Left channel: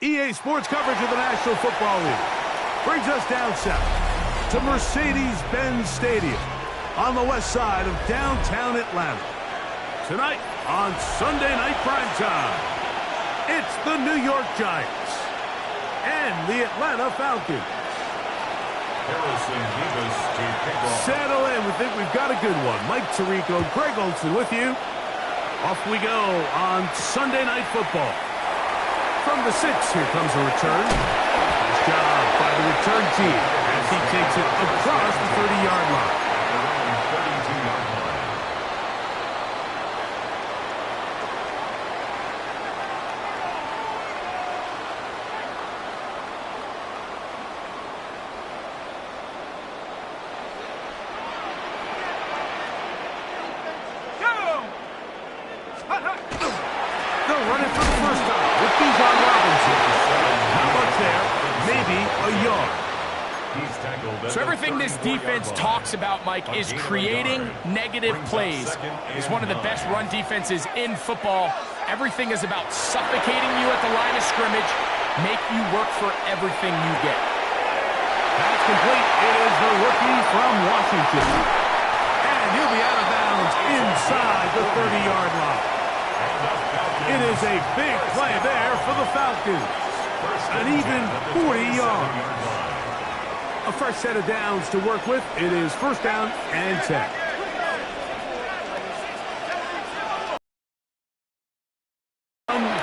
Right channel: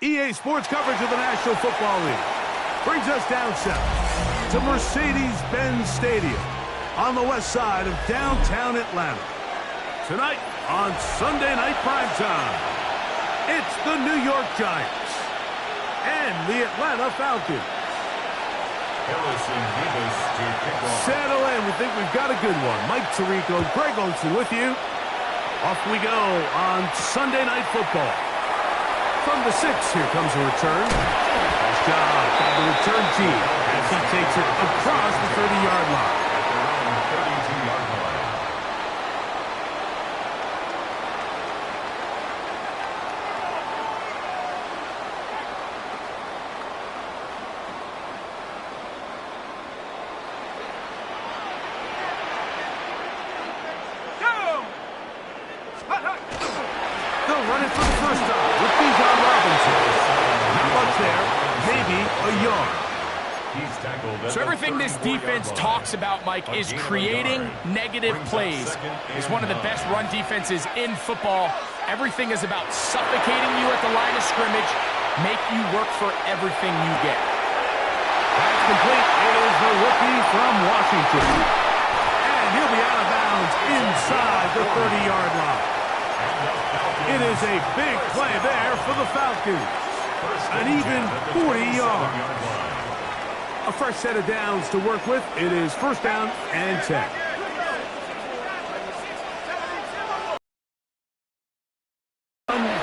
EA Sports coverage of the National Football League brings us down south to Mercedes-Benz Stadium on the west side of downtown Atlanta. Tonight on Sunday Night Primetime, it's the New York Giants and the Atlanta Falcons. Harrison Davis to kick off. Settle in. We think we've got a good one. Mike Tirico, Greg Olson with you. Off we go on Sunday Night Football. From the 6, here comes a return. Nice job by the return team as he takes it across the 30-yard line. At their own 32-yard line. They'll run it for the first time with Bijan Robinson. Not much there, maybe a yard. He's tackled. So everything this defense talks about, Mike, is creating negative plays. It's one of the best run defenses in football. Everything is about suffocating you at the line of scrimmage, make you work for everything you get. That's complete. It is the rookie from Washington. And he'll be out of bounds inside the 30-yard line. It is a big play there for the Falcons. An even 40 yards. A fresh set of downs to work with. It is first down and 10.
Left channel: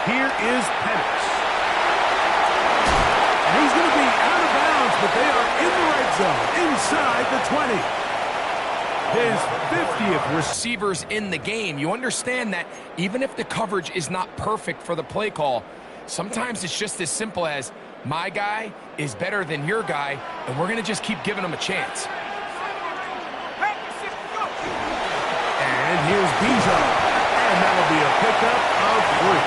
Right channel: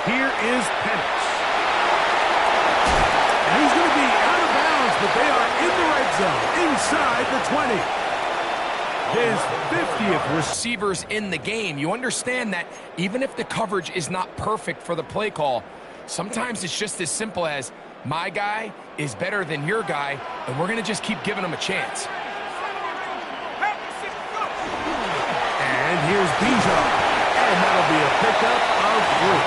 Here is Penix. And he's going to be out of bounds, but they are in the red zone, inside the 20. His 50th receivers in the game. You understand that even if the coverage is not perfect for the play call, sometimes it's just as simple as my guy is better than your guy, and we're going to just keep giving him a chance. And here's Bijan, and that'll be a pickup of 3.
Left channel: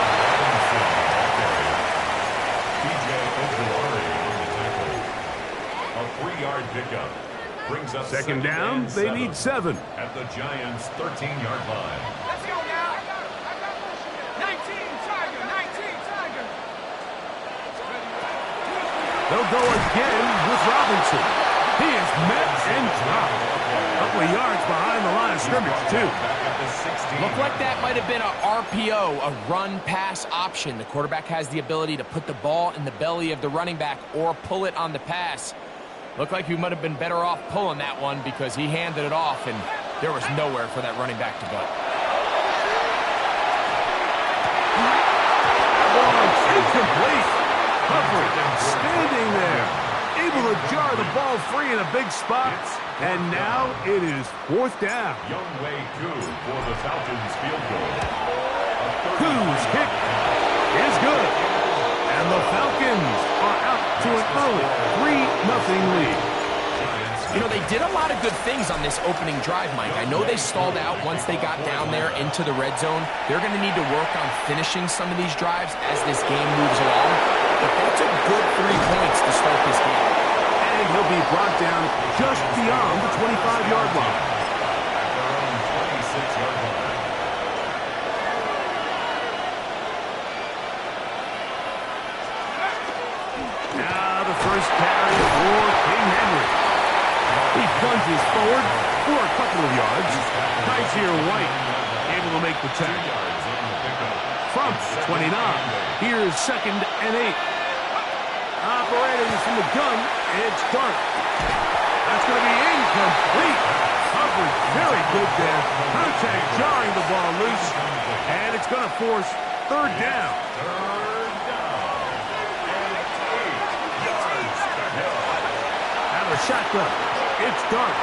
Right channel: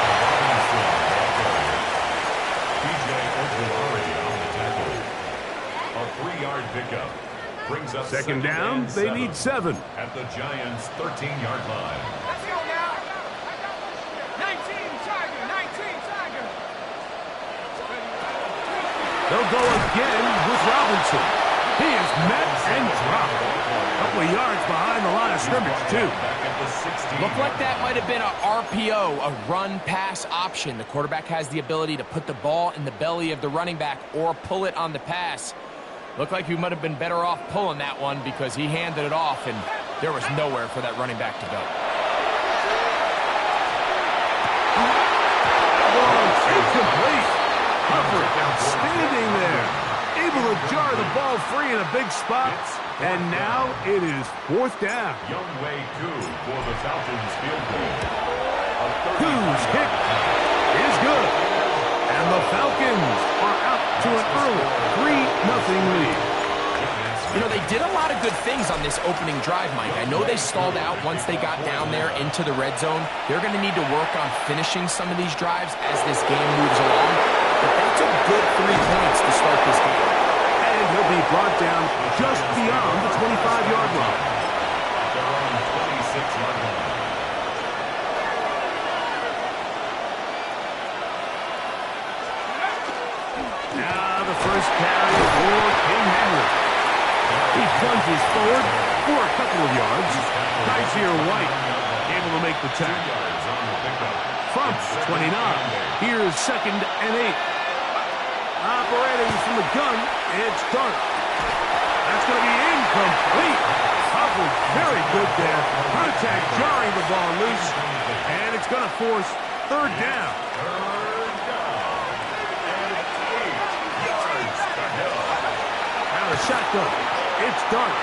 PJ Okulari on the tackle. A 3-yard pickup. Brings up second down, they need 7. At the Giants' 13-yard line. Let's go now. 19, Tiger, 19, Tiger. They'll go again with Robinson. He is met and dropped. A couple of yards behind the line of scrimmage, too. Looked like that might have been a RPO, a run-pass option. The quarterback has the ability to put the ball in the belly of the running back or pull it on the pass. Looked like he might have been better off pulling that one because he handed it off, and there was nowhere for that running back to go. That one's incomplete. Coverage standing there. Able to jar the ball free in a big spot. And now it is fourth down. Younghoe Koo for the Falcons field goal. Koo's kick is good. And the Falcons are out to an early 3-0 lead. You know, they did a lot of good things on this opening drive, Mike. I know they stalled out once they got down there into the red zone. They're going to need to work on finishing some of these drives as this game moves along. But that's a good 3 points to start this game. And he'll be brought down just beyond the 25-yard line. At their own 26-yard line. Now the first carry for King Henry. He plunges forward for a couple of yards. Kaiser White able to make the tackle. From the 29. Here's 2nd and 8. Operating from the gun, it's Dart. That's going to be incomplete. Coverage very good there. Contact jarring the ball loose. And it's going to force 3rd down. Out of shotgun. It's Dart.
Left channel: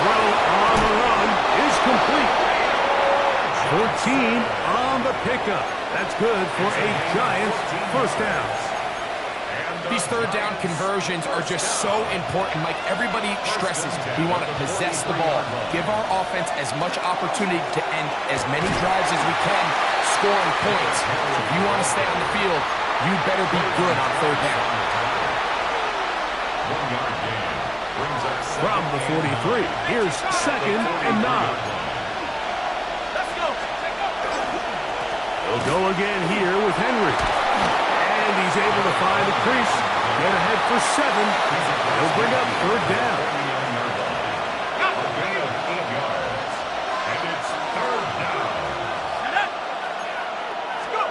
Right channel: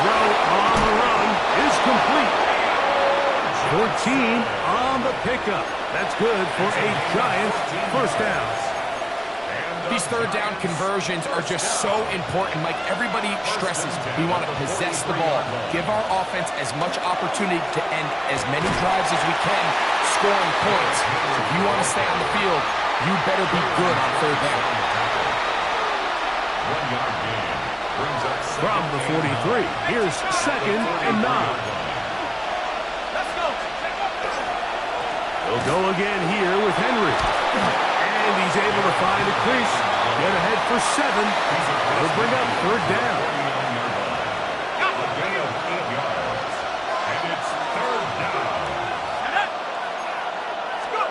Throw on the run is complete. 14 on the pickup. That's good for a Giants first down. third down conversions are just so important. Like everybody stresses, we want to possess the ball, give our offense as much opportunity to end as many drives as we can, scoring points. So if you want to stay on the field, you better be good on third down. 1 yard gain. Brings up From the 43, here's 2nd and 9. Let's go. He'll go again here with Henry. And he's able to find a crease, get ahead for 7. He'll bring up third down. 39-yard line. A gain of 8 yards. And it's third down. Let's go.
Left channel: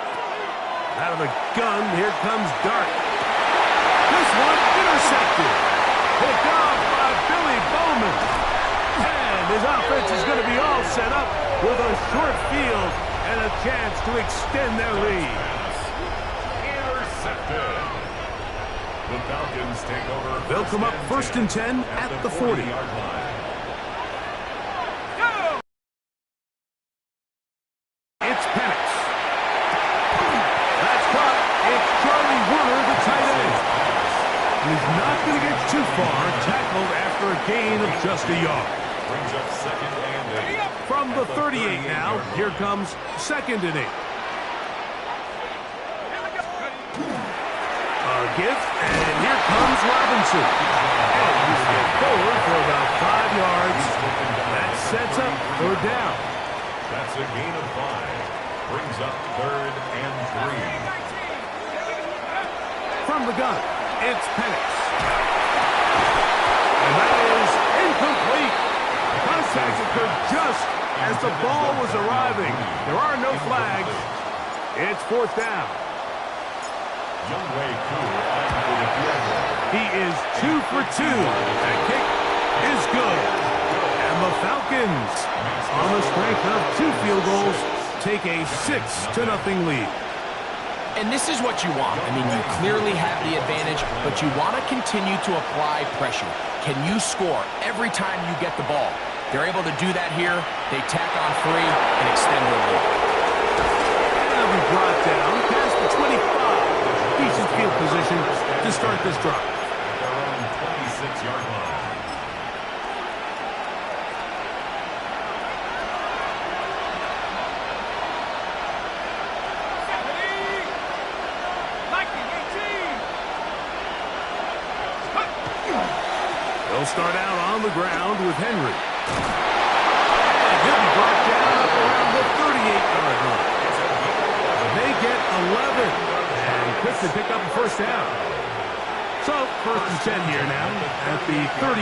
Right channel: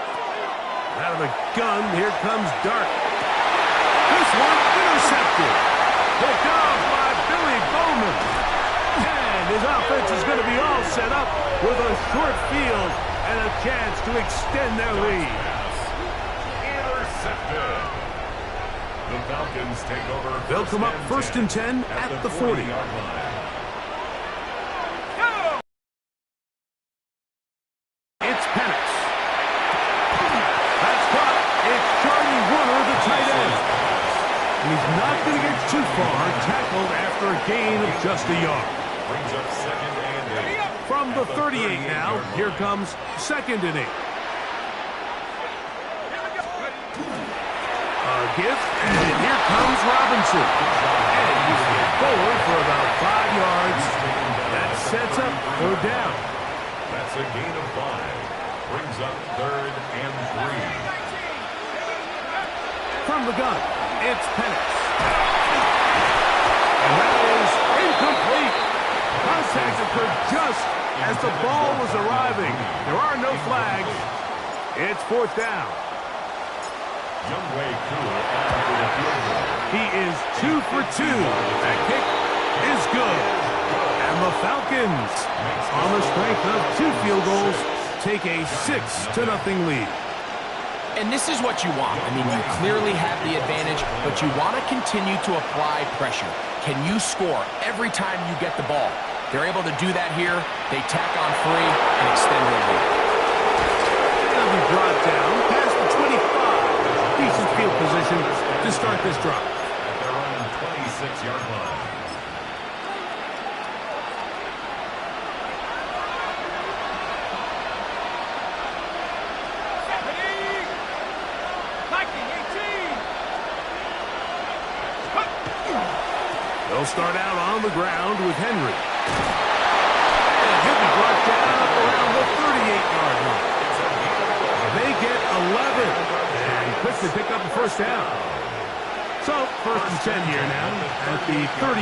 Out of the gun, here comes Dart. This one intercepted. Picked off by Billy Bowman. And his offense is going to be all set up with a short field and a chance to extend their lead. Intercepted. The Falcons take over. They'll come up 1st and 10 at the 40. 40-yard line. Go. It's Penix. That's caught. It's Charlie Werner, the tight end. He's not going to get too far, tackled after a gain of just a yard. Brings up 2nd and 8. From the At 38 now, 38-yard here line. comes 2nd and 8. Here we go. A gift, and here comes Robinson. And he will get forward for about 5 yards. That sets up third down. That's a gain of 5. Brings up 3rd and 3. From the gun, it's Penix. And that is incomplete. Contact occurred just as the ball was arriving. There are no flags. It's 4th down. Youngway Koo on for the field goal. He is 2 for 2. That kick is good. And the Falcons, on the strength of 2 field goals, take a 6-0 lead. And this is what you want. I mean, you clearly have the advantage, but you want to continue to apply pressure. Can you score every time you get the ball? They're able to do that here. They tack on 3 and extend their lead. They'll be brought down past the 25. Decent field position to start this drive. At their own 26-yard line. They'll start out on the ground with Henry. And he'll be brought down up around the 38-yard line. They get 11 and quickly pick up a first down. So, 1st and 10 here now at the 38.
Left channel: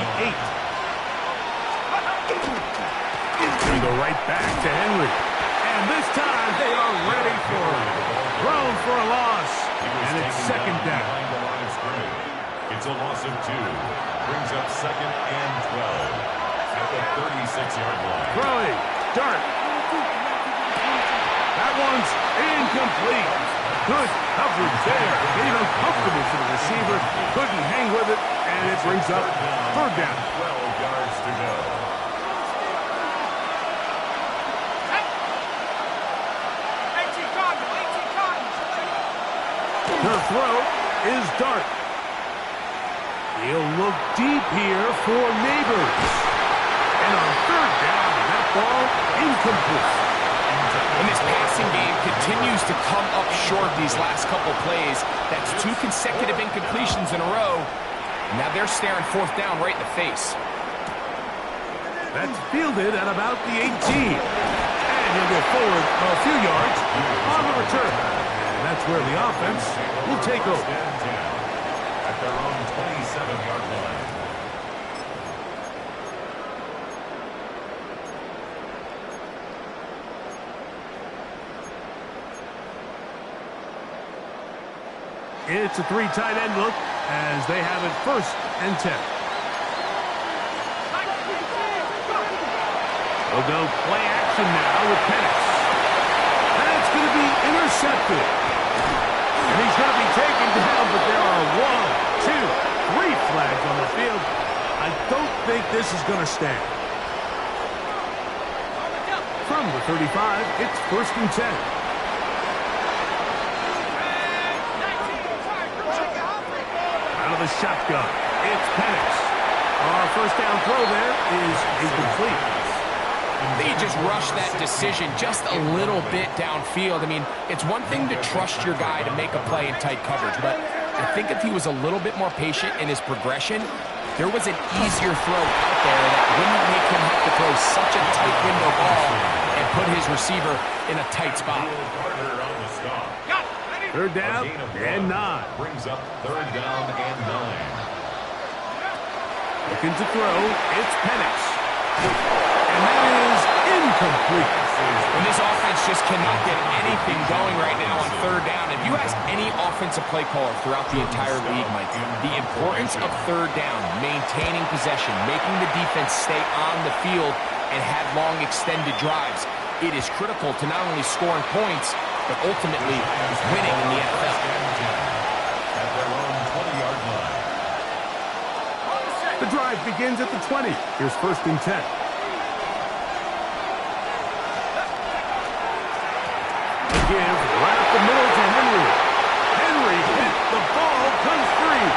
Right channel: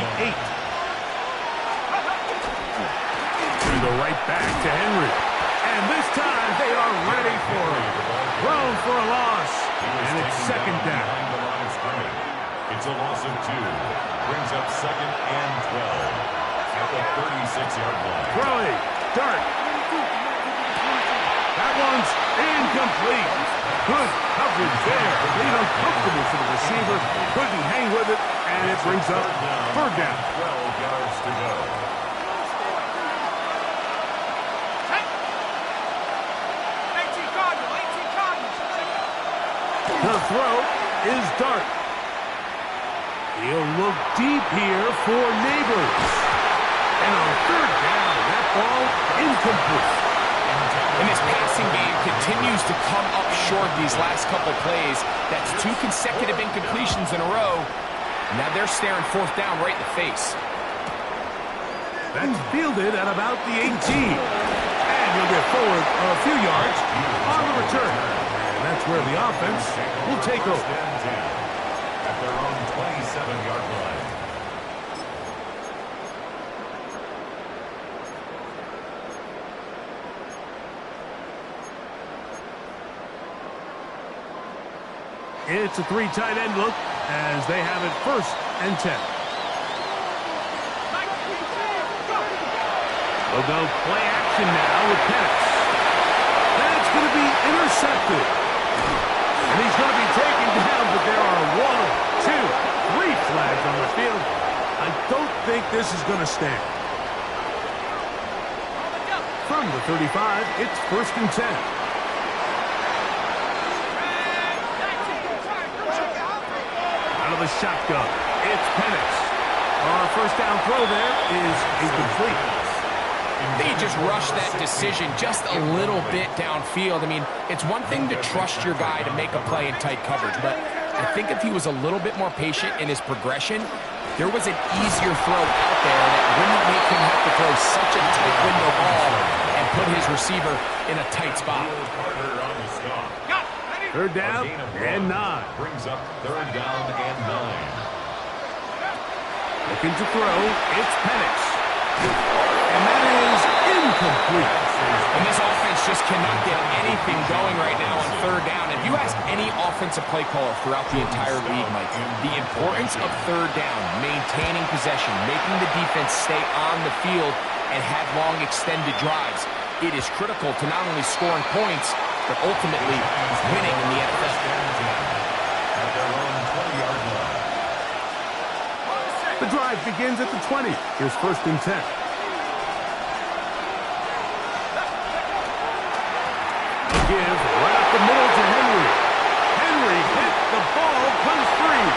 To the right back to Henry. And this time they are ready for him. Thrown for a loss. And it's 2nd down. Behind the line of scrimmage. It's a loss of 2. Brings up 2nd and 12 at the 36-yard line. Throwing. Dart. That one's incomplete. Good coverage there. Getting uncomfortable for the receiver. Couldn't hang with it, and it brings up third down. 12 yards to go. The throw is Dart. He'll look deep here for Neighbors. And on third down, that ball incomplete. And this passing game continues to come up short these last couple plays. That's 2 consecutive incompletions in a row. Now they're staring 4th down right in the face. That's fielded at about the 18. And he'll get forward a few yards on the return. And that's where the offense will take over. At their own 27-yard line. It's a 3 tight end look as they have it 1st and 10. They'll go play action now with Penix. That's going to be intercepted. And he's going to be taken down, but there are 1, 2, 3 flags on the field. I don't think this is going to stand. From the 35, it's 1st and 10. a shotgun. It's Penix. First down throw there is incomplete. They just rushed that decision just a little bit downfield. I mean, it's one thing to trust your guy to make a play in tight coverage, but I think if he was a little bit more patient in his progression, there was an easier throw out there that wouldn't make him have to throw such a tight window ball and put his receiver in a tight spot. Third down and 9. Brings up third down and 9. Looking to throw, it's Penix. And that is incomplete. And this offense just cannot get anything going right now on third down. If you ask any offensive play caller throughout the entire league, Mike, the importance of third down, maintaining possession, making the defense stay on the field and have long extended drives, it is critical to not only scoring points, but ultimately winning in the NFL. At their own 20-yard line. The drive begins at the 20. Here's first and 10. The give right up the middle to Henry. Henry hit. The ball comes free.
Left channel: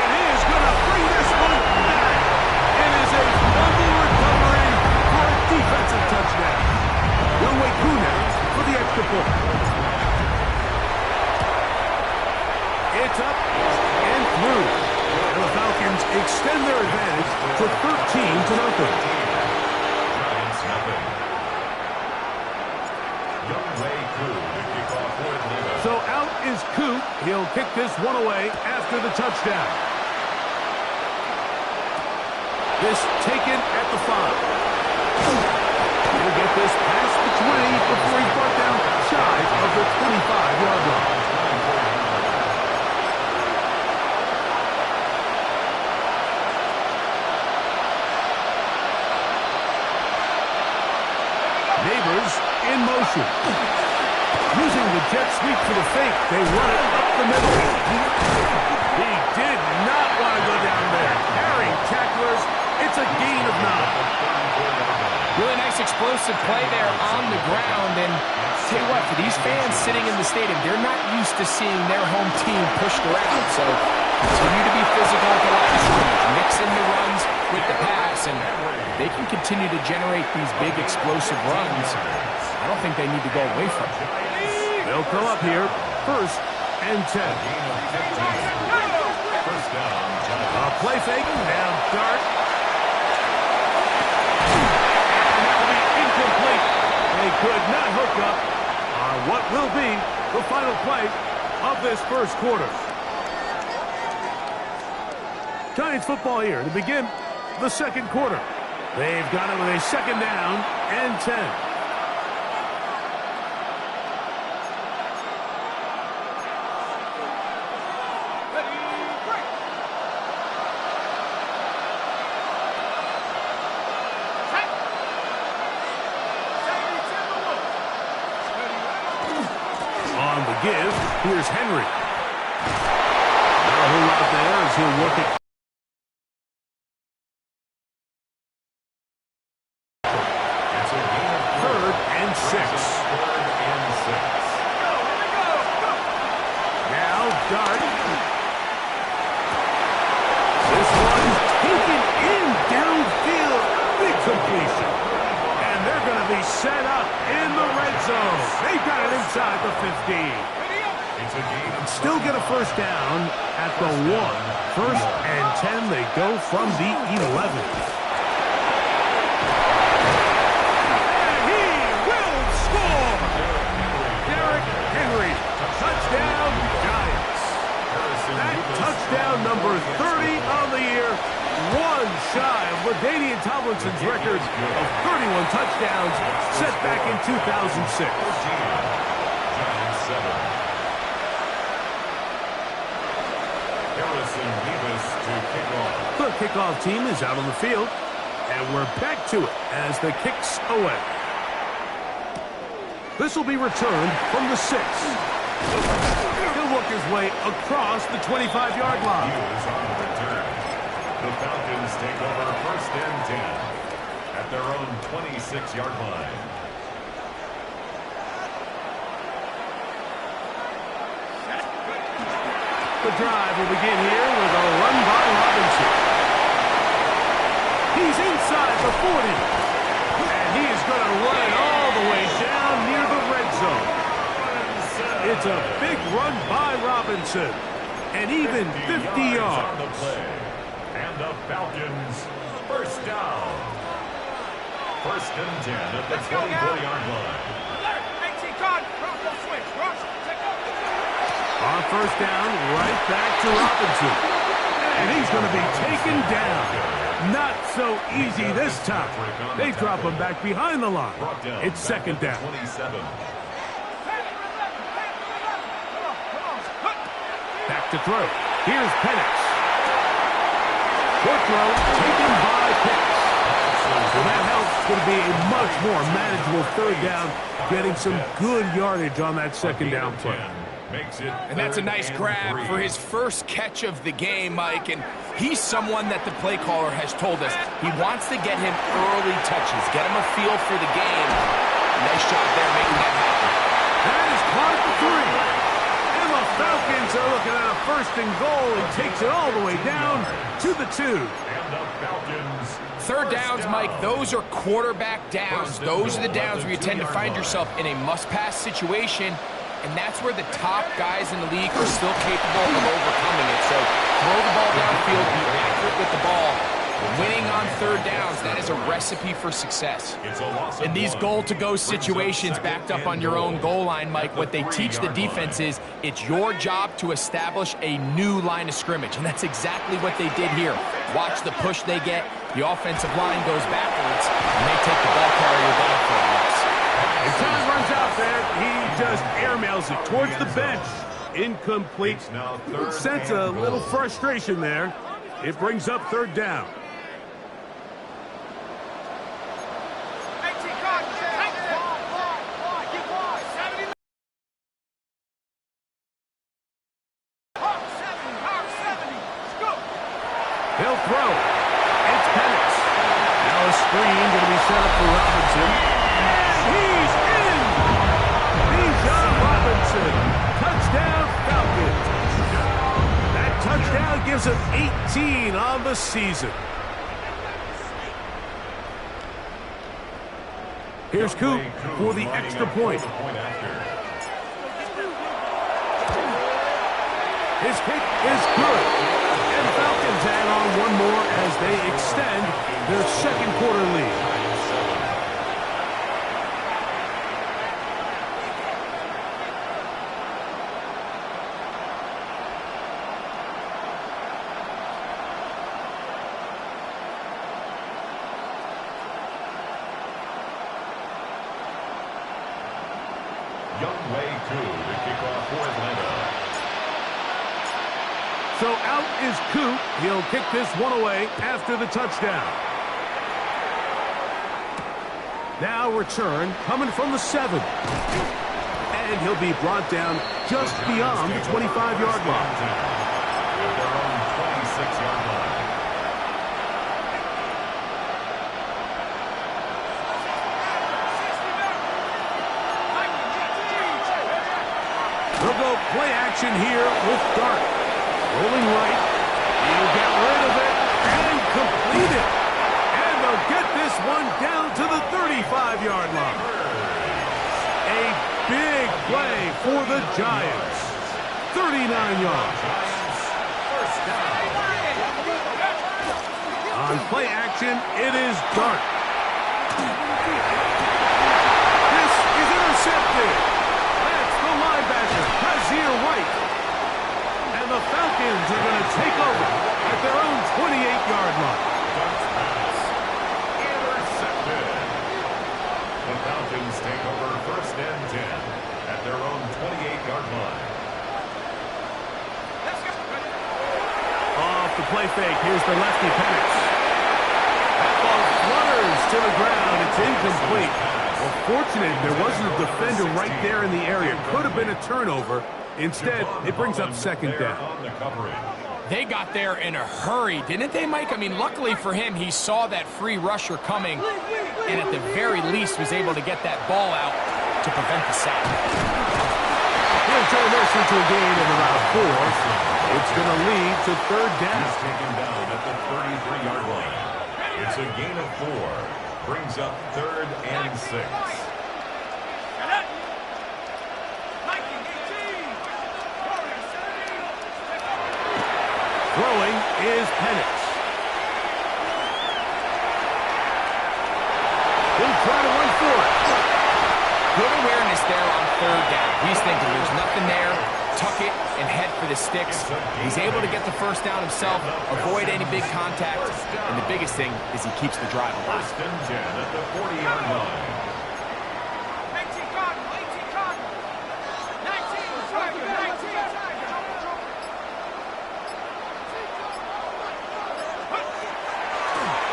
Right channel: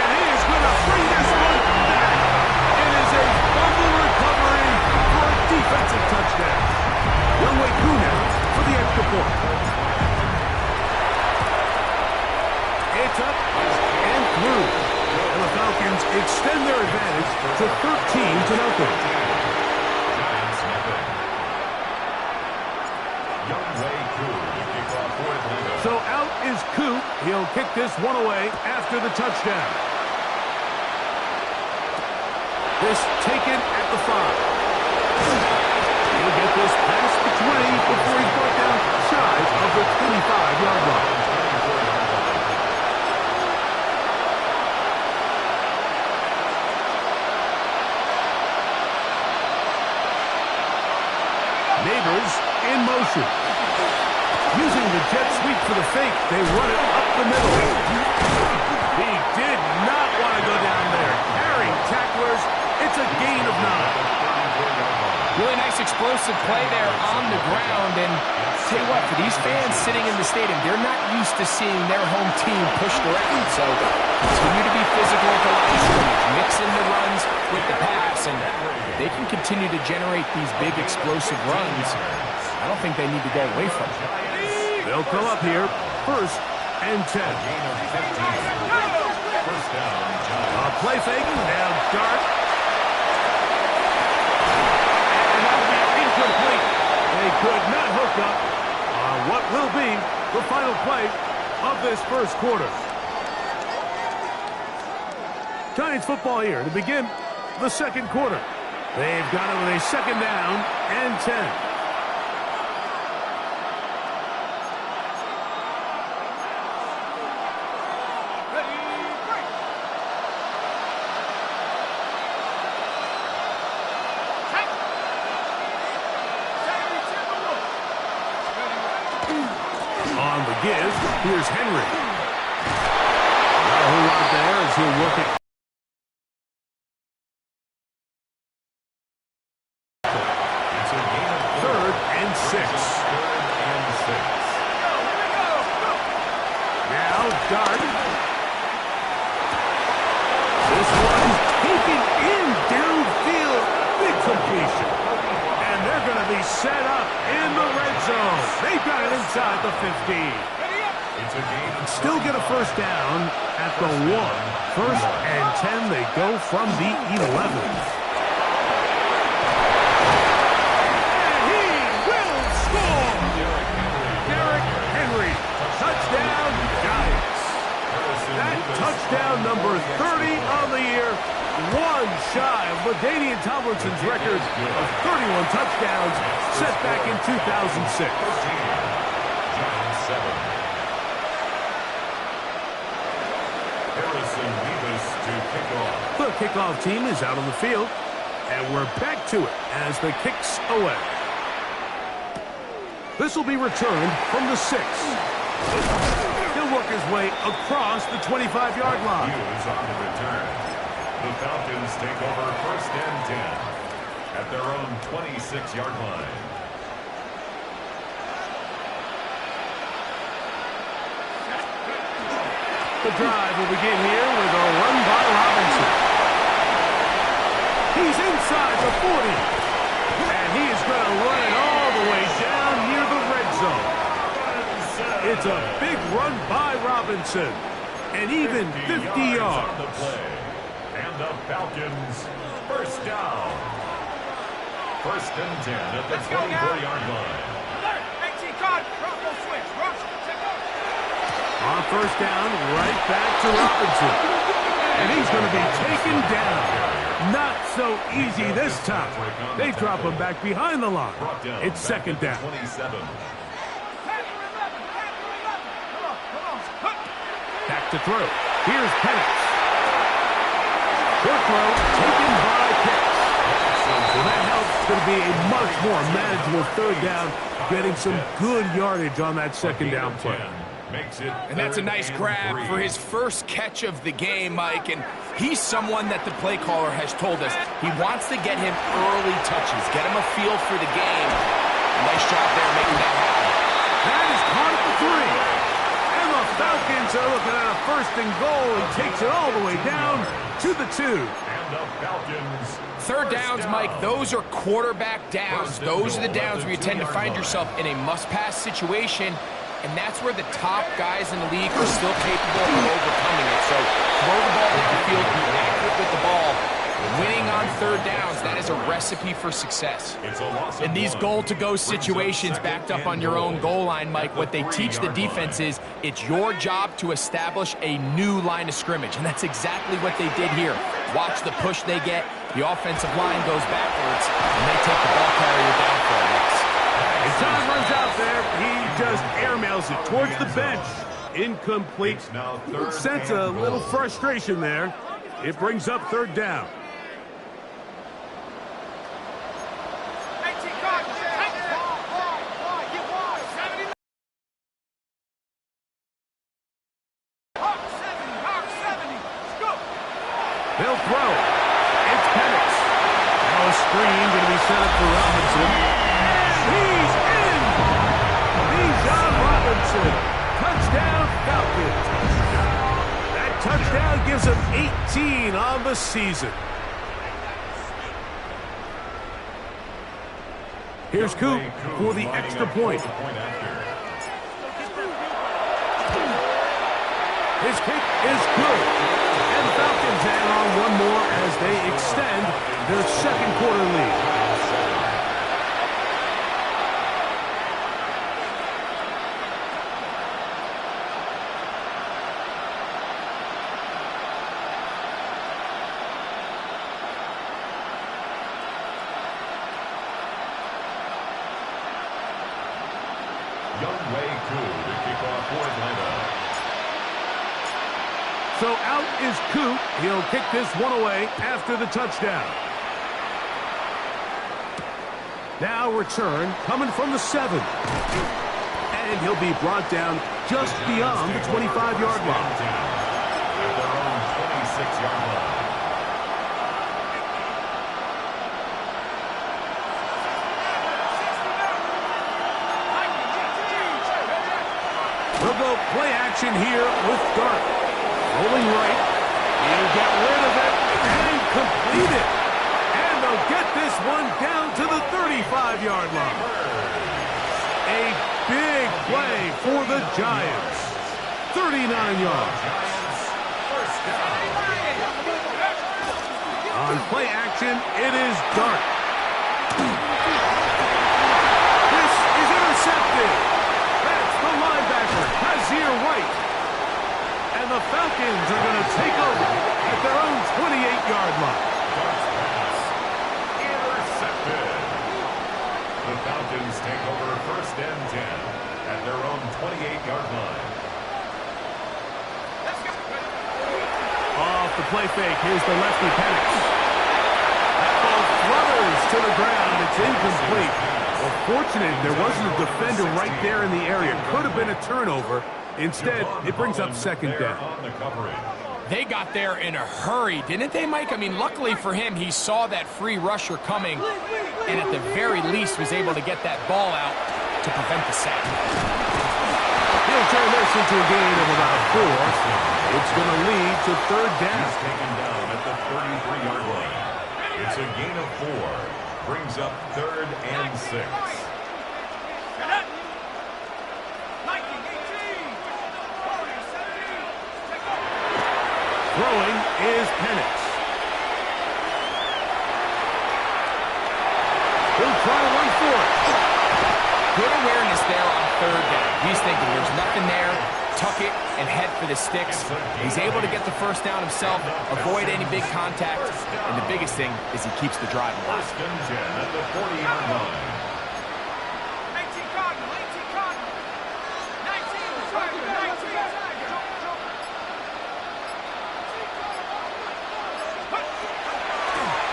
And he is going to bring this one back. It is a fumble recovery for a defensive touchdown. Younghoe Koo now for the extra point. It's up and through. And the Falcons extend their advantage to 13-0. Giants nothing. Younghoe Koo to kick off for Atlanta. So out is Koo. He'll kick this one away after the touchdown. This taken at the 5. He'll get this past the 20 before he's brought down shy of the 25-yard line. Neighbors in motion. Using the jet sweep for the fake, they run it up the middle. He did not want to go down there. Carrying tacklers, it's a gain of 9. Really nice explosive play there on the ground. And tell you what, for these fans sitting in the stadium, they're not used to seeing their home team pushed around. So continue to be physical at the line of scrimmage, mix in the runs with the pass, and they can continue to generate these big explosive runs. I don't think they need to go away from it. They'll come up here, first and 10. First down, Giants. A play fake, now dart. And that will be incomplete. They could not hook up on what will be the final play of this first quarter. Giants football here to begin the second quarter. They've got it with a second down and 10. On the give, here's Henry. Not a whole lot there as he'll work it. It's a gain of 3rd and 6. Third and 6. Now Dart. This one's taken in downfield. Big completion. And they're going to be set up in the red zone. They've got it inside the 15. It's a gain of Still get a first down at the 1. First and 10, they go from the 11. And he will score! Derrick Henry. Touchdown, Giants. That touchdown number 30 on the year. One shy of LaDainian Tomlinson's record of 31 touchdowns set back in 2006. Giants 7. Harrison Beavis to kick off. The kickoff team is out on the field, and we're back to it as the kick's away. This will be returned from the 6. He'll work his way across the 25-yard line. Hughes on the return. The Falcons take over first and 10 at their own 26-yard line. The drive will begin here with a run by Robinson. He's inside the 40. And he is going to run it all the way down near the red zone. It's a big run by Robinson. And even 50 yards. On the play. And the Falcons, first down. First and 10 at the 24-yard line. Alert! 18 card. Bronco switch. Rush. Take over. On first down, right back to Robinson. And he's going to be taken down. Not so easy this time. They drop him back behind the line. It's second down. 27. Back to throw. Here's Penix. Short throw taken by Pitts. So that helps. It's going to be a much more manageable third down, getting some good yardage on that second down play. And that's a nice grab for his first catch of the game, Mike. And he's someone that the play caller has told us he wants to get him early touches, get him a feel for the game. Nice job there making that happen. That is caught at the 3. And the Falcons are looking at a first and goal. He takes it all the way down to the 2. And the Falcons. Third downs, Mike, those are quarterback downs. Those are the downs where you tend to find yourself in a must-pass situation. And that's where the top guys in the league are still capable of overcoming it. So throw the ball downfield, be accurate with the ball. Winning on third downs, that is a recipe for success. In these goal-to-go situations backed up on your own goal line, Mike, what they teach the defense is it's your job to establish a new line of scrimmage. And that's exactly what they did here. Watch the push they get. The offensive line goes backwards, and they take the ball carrier down for a loss. And time runs out there. He just airmails it towards the bench. Incomplete. Sense a little frustration there. It brings up third down. 18 card. Wide. Get wide. 70. Hawk 70. Scoop. They'll throw. It's Penix. Now a screen going to be set up for Robinson. He's in! Bijan Robinson. Touchdown, Falcons. That touchdown gives him 18 on the season. Here's Coop for the extra point. His kick is good. And the Falcons add on one more as they extend their second quarter lead. So out is Coop. He'll kick this one away after the touchdown. Now return coming from the 7. And he'll be brought down just beyond the 25-yard line. At their own 26-yard line. We'll go play action here with Dart. Rolling right. He'll get rid of it and complete it. And they'll get this one down to the 35-yard line. A big play for the Giants. 39 yards. On play action, it is Dart. This is intercepted. That's the linebacker, Kazir White. And the Falcons are going to take over at their own 28-yard line. Dart's pass intercepted. The Falcons take over first and 10 at their own 28-yard line. Off the play fake, here's the lefty Penix. That ball flutters to the ground. It's incomplete. Well, fortunate there wasn't a defender right there in the area. Could have been a turnover. Instead, it brings up second down. They got there in a hurry, didn't they, Mike? I mean, luckily for him, he saw that free rusher coming and at the very least was able to get that ball out to prevent the sack. He'll turn this into a gain of about 4. It's going to lead to third down. He's taken down at the 33-yard line. It's a gain of 4. Brings up 3rd and 6. Throwing is Penix. He'll try to run for it. Good awareness there on third down. He's thinking there's nothing there, tuck it, and head for the sticks. He's able to get the first down himself, avoid any big contact, and the biggest thing is he keeps the drive alive. 1st and 10 at the 40-yard line. 18 Cardinal, 18 Cardinal. 19 Tiger, 19 Tiger.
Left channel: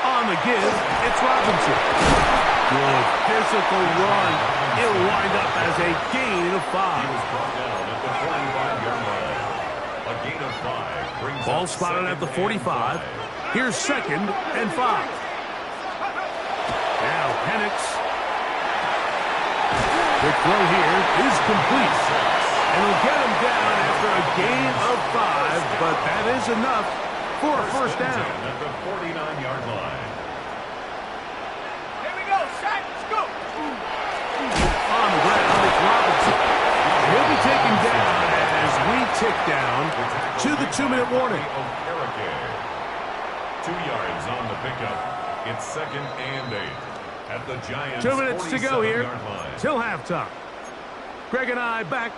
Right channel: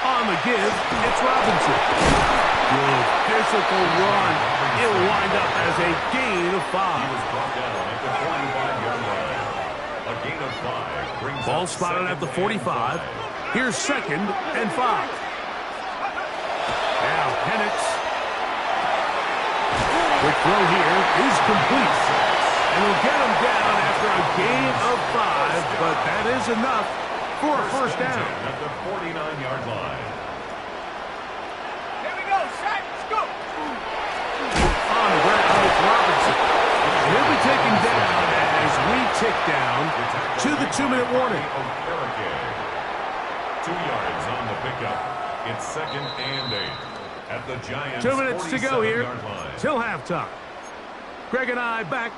On the give, it's Robinson. Good physical run. It'll wind up as a gain of 5. He was brought down at the 45-yard line. A gain of 5 brings Ball up spotted at the 2nd and 45. 5. Here's 2nd and 5. Now Penix. Quick throw here is complete. And he'll get him down after a gain of 5, but that is enough for a first down. At the 49-yard line. Here we go, set, let's go. On the ground, it's Robinson. He'll be taken down as we tick down to the 2-minute warning. 2 yards on the pickup. It's 2nd and 8 at the Giants' 2 minutes to go here line. till halftime. Greg and I back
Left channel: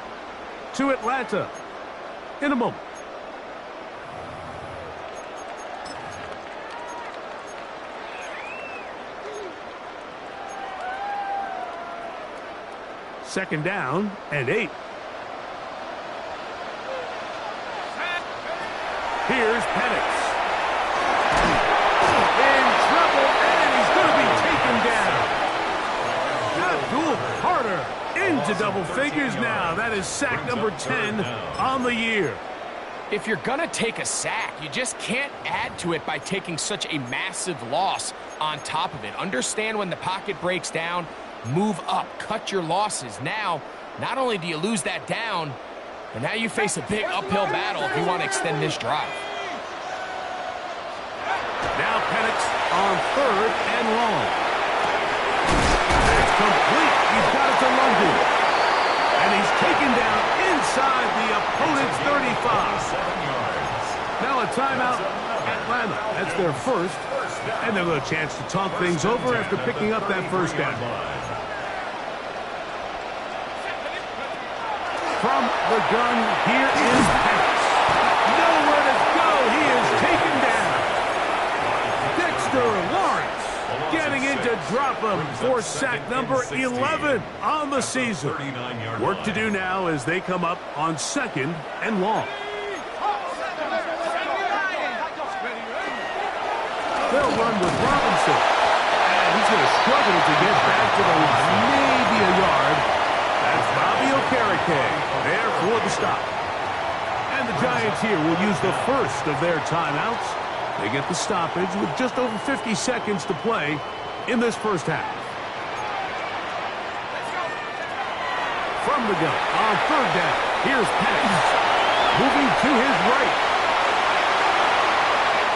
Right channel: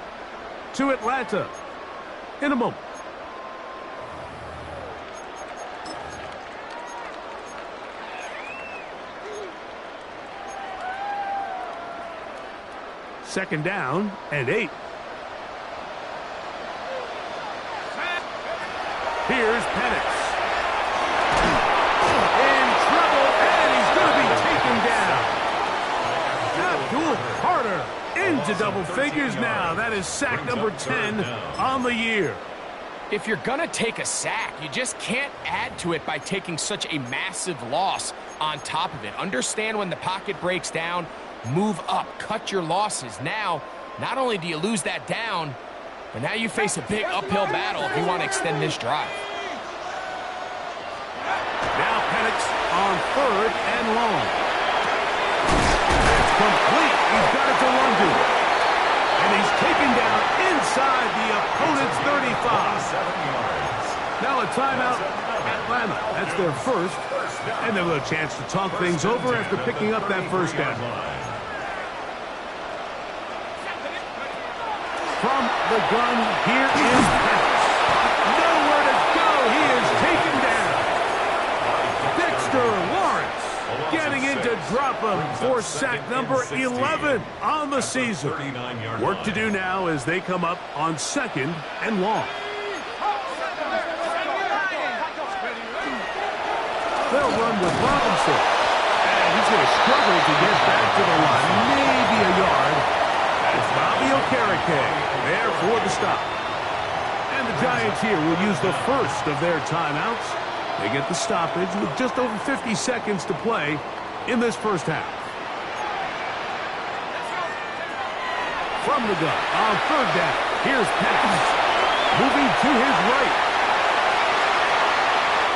to Atlanta in a moment. Second down and 8. Here's Penix. In trouble, and he's going to be taken down. Abdul Carter into double figures now. That is sack number 10 on the year. If you're going to take a sack, you just can't add to it by taking such a massive loss on top of it. Understand when the pocket breaks down, move up, cut your losses. Now, not only do you lose that down, but now you face a big uphill battle if you want to extend this drive. Now Penix on 3rd and long. That's complete. He's got it to London. And he's taken down inside the opponent's 35. 7 yards. Now a timeout, Atlanta. That's their first. And they'll have a chance to talk things over after picking up that first down. From the gun, here is Penix. Nowhere to go. He is taken down. Dexter Lawrence getting in to drop him for sack number 11 on the season. Work to do now as they come up on 2nd and long. They'll run with Robinson. And he's going to struggle to get back to the line. Maybe a yard. That's Bobby Okereke there for the stop. And the Giants here will use the first of their timeouts. They get the stoppage with just over 50 seconds to play in this first half. From the gun on 3rd down, here's Penix. Moving to his right.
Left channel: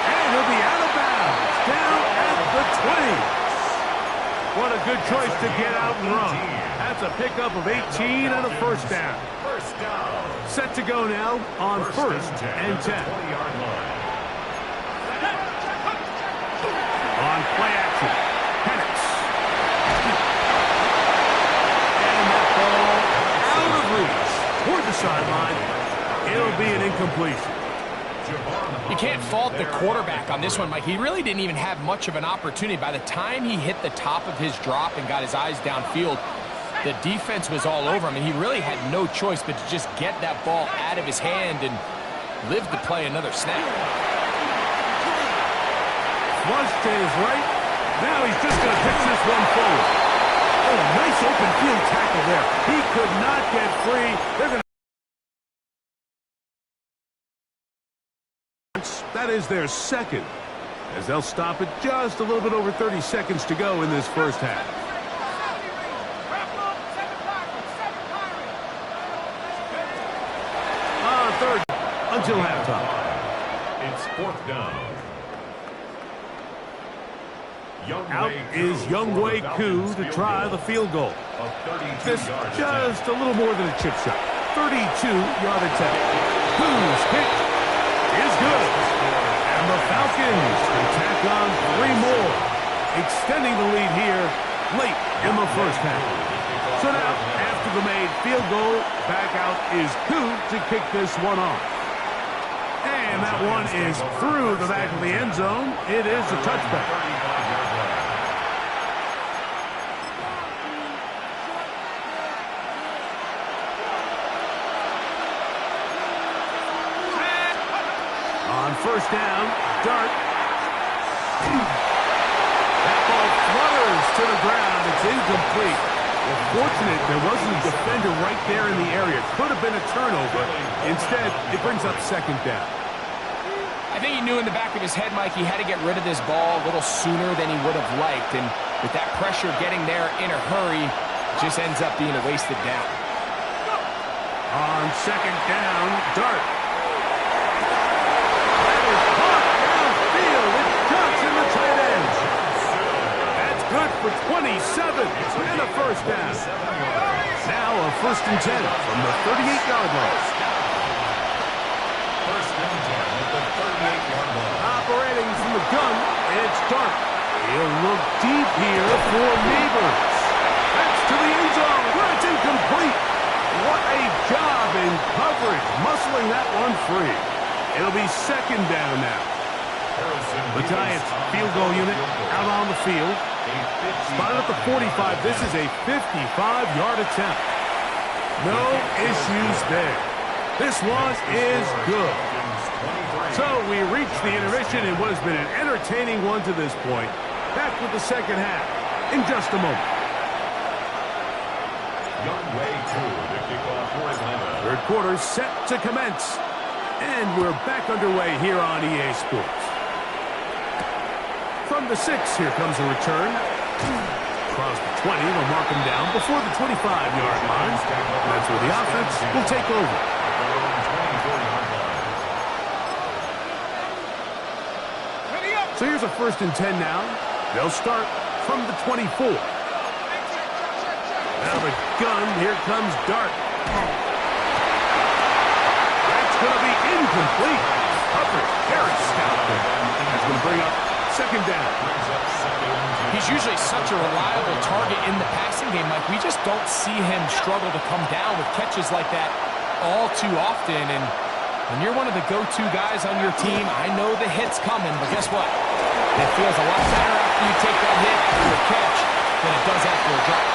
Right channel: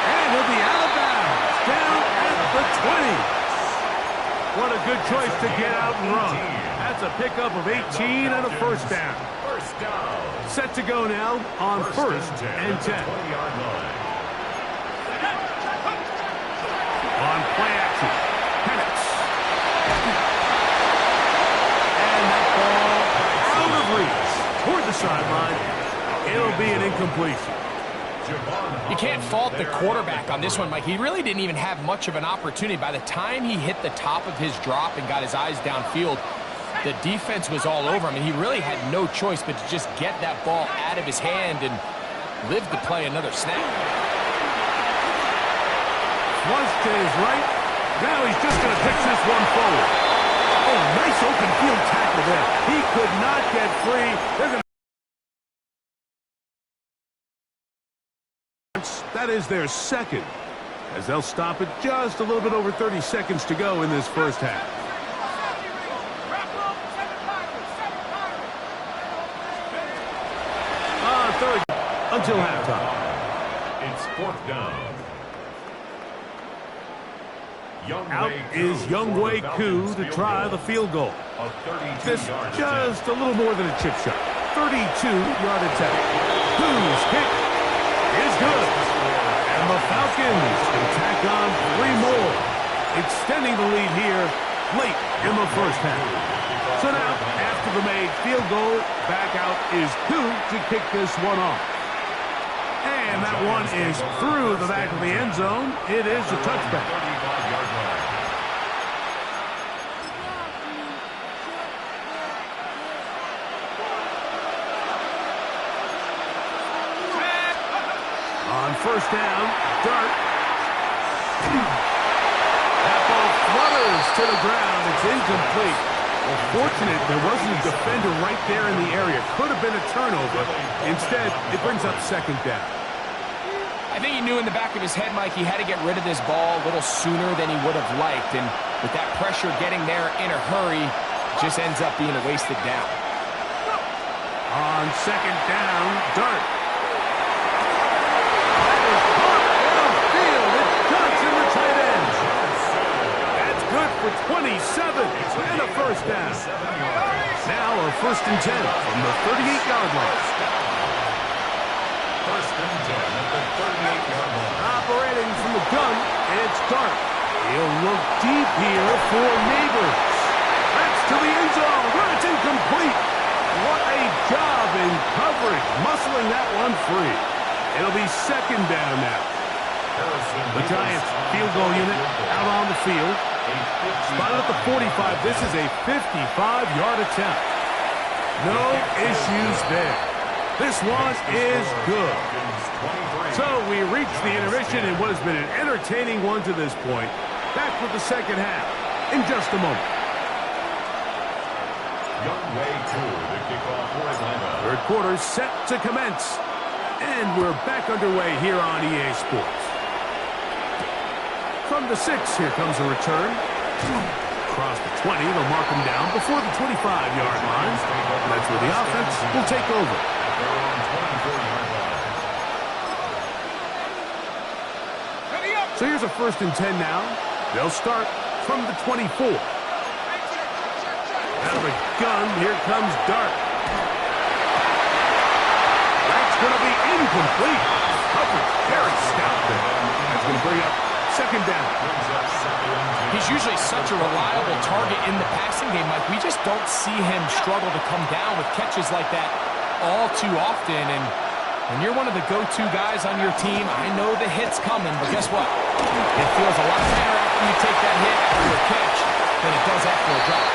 And he'll be out of bounds, down at the 20. What a good choice to get out and run. That's a pickup of 18 and a first down. First down. Set to go now on 1st and 10. 20-yard line. On play action, Penix. And that ball out of reach toward the sideline. It'll be an incompletion. You can't fault the quarterback on this one, Mike. He really didn't even have much of an opportunity. By the time he hit the top of his drop and got his eyes downfield, the defense was all over him, and he really had no choice but to just get that ball out of his hand and live to play another snap. Flush to his right. Now he's just going to pitch this one forward. Oh, nice open field tackle there. He could not get free. They're going to... That is their second, as they'll stop it just a little bit over 30 seconds to go in this first half. On 3rd, a until halftime. It's 4th down. Out is Younghoe Koo to try the field goal. This just a little more than a chip shot. 32-yard attempt. Koo's kick is good. And the Falcons can tack on 3 more, extending the lead here late in the first half. So now, after the made field goal, back out is Koo to kick this one off. And that one is through the back of the end zone. It is a touchback. On first down, Dart. That ball flutters to the ground. It's incomplete. Well, fortunate there wasn't a defender right there in the area. Could have been a turnover. Instead, it brings up second down. I think he knew in the back of his head, Mike, he had to get rid of this ball a little sooner than he would have liked. And with that pressure getting there in a hurry, it just ends up being a wasted down. On second down, Dart. That is caught downfield. It's Johnson, the tight end. That's good for 27 and a first down. Now a 1st and 10 from the 38-yard line. 1st and 10 at the 38-yard line. Operating from the gun, it's Dart. He'll look deep here for Neighbors. That's to the end zone where it's incomplete. What a job in coverage, muscling that one free. It'll be second down now. The Giants field goal unit out on the field. Spotted at the 45. This is a 55-yard attempt. No issues there. This one is good. So we reach the intermission in what has been an entertaining one to this point. Back with the second half in just a moment. Younghoe Koo to kick off for Atlanta. Third quarter set to commence. And we're back underway here on EA Sports. From the 6, here comes a return. Across the 20, they'll mark him down before the 25-yard line. That's where the offense will take over. At their own 24-yard line. So here's a 1st and 10 now. They'll start from the 24. Out of a gun, here comes Dart. That's going to be incomplete. Coverage very stout there. That's going to bring up second down. He's usually such a reliable target in the passing game, Mike. We just don't see him struggle to come down with catches like that all too often. And when you're one of the go-to guys on your team, I know the hit's coming, but guess what? It feels a lot better after you take that hit after a catch than it does after a drop.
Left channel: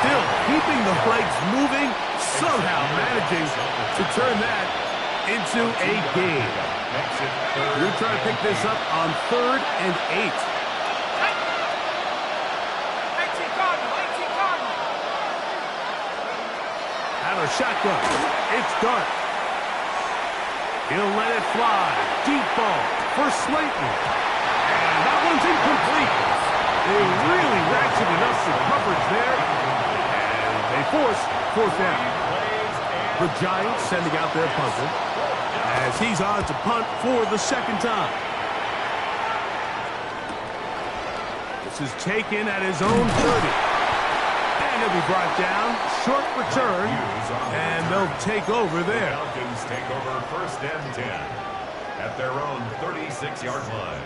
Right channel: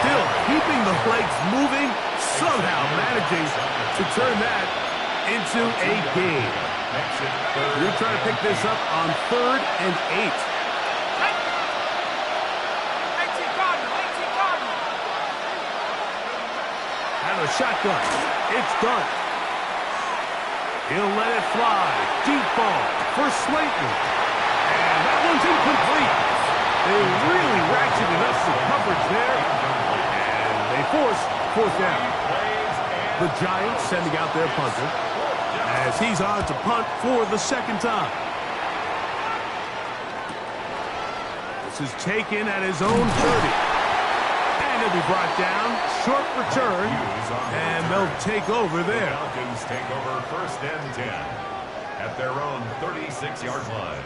Still keeping the legs moving, somehow managing to turn that into a game. You're trying to pick this up on 3rd and 8. 18 Cardinal. Out of shotgun, it's Dart. He'll let it fly. Deep ball for Slayton. And that one's incomplete. They really ratcheted up the coverage there. And they force 4th down. The Giants sending out their punter as he's on to punt for the second time. This is taken at his own 30. And he'll be brought down. Short return. And they'll take over there. The Falcons take over 1st and 10 at their own 36-yard line.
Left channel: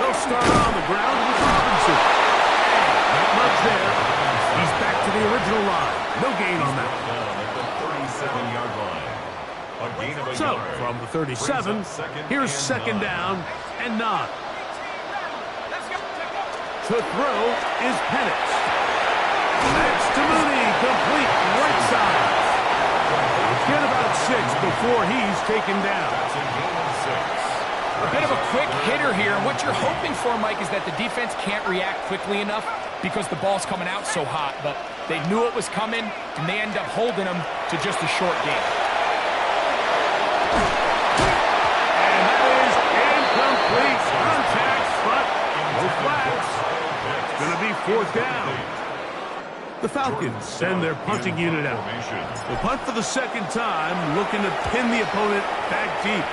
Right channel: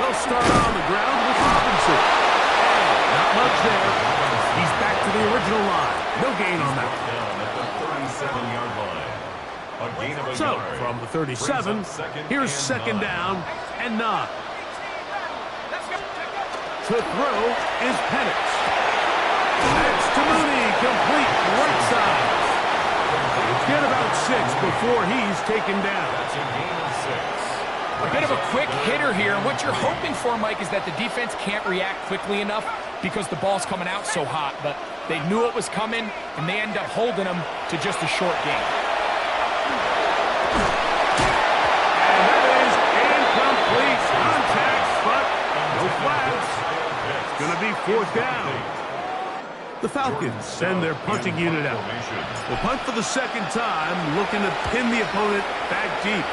They'll start on the ground with Robinson. And not much there. He's back to the original line. No gain on that. Down at the 37-yard line. A gain of a So, yard. from the 37, here's second down and 9. To throw is Penix. That's to Mooney, complete right side. He'll get about 6 before he's taken down. That's a gain of 6. A bit of a quick hitter here, and what you're hoping for, Mike, is that the defense can't react quickly enough because the ball's coming out so hot. But they knew it was coming, and they end up holding them to just a short game. And that is incomplete contact, but no flags. It's going to be fourth down. The Falcons send their punting unit out. They'll punt for the second time, looking to pin the opponent back deep.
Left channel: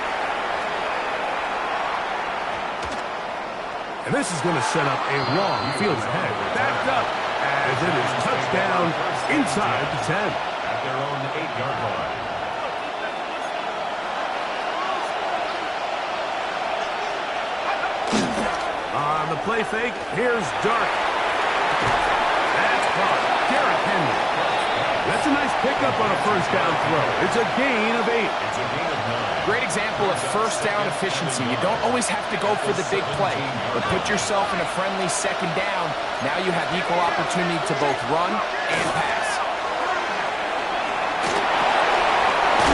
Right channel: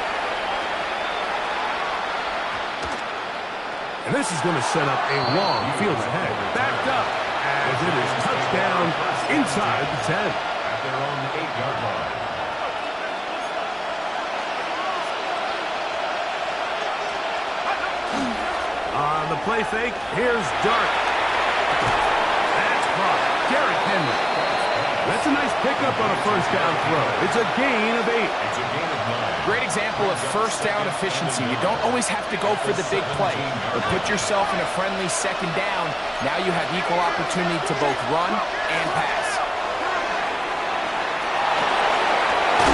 And this is going to set up a long field ahead. Backed up as it is touchdown inside the 10. At their own 8-yard line. On the play fake, here's Dart. That's caught. Derrick Henry. That's a nice pickup on a first down throw. It's a gain of 8. It's a gain of 9. Great example of first down efficiency. You don't always have to go for the big play, but put yourself in a friendly second down. Now you have equal opportunity to both run and pass.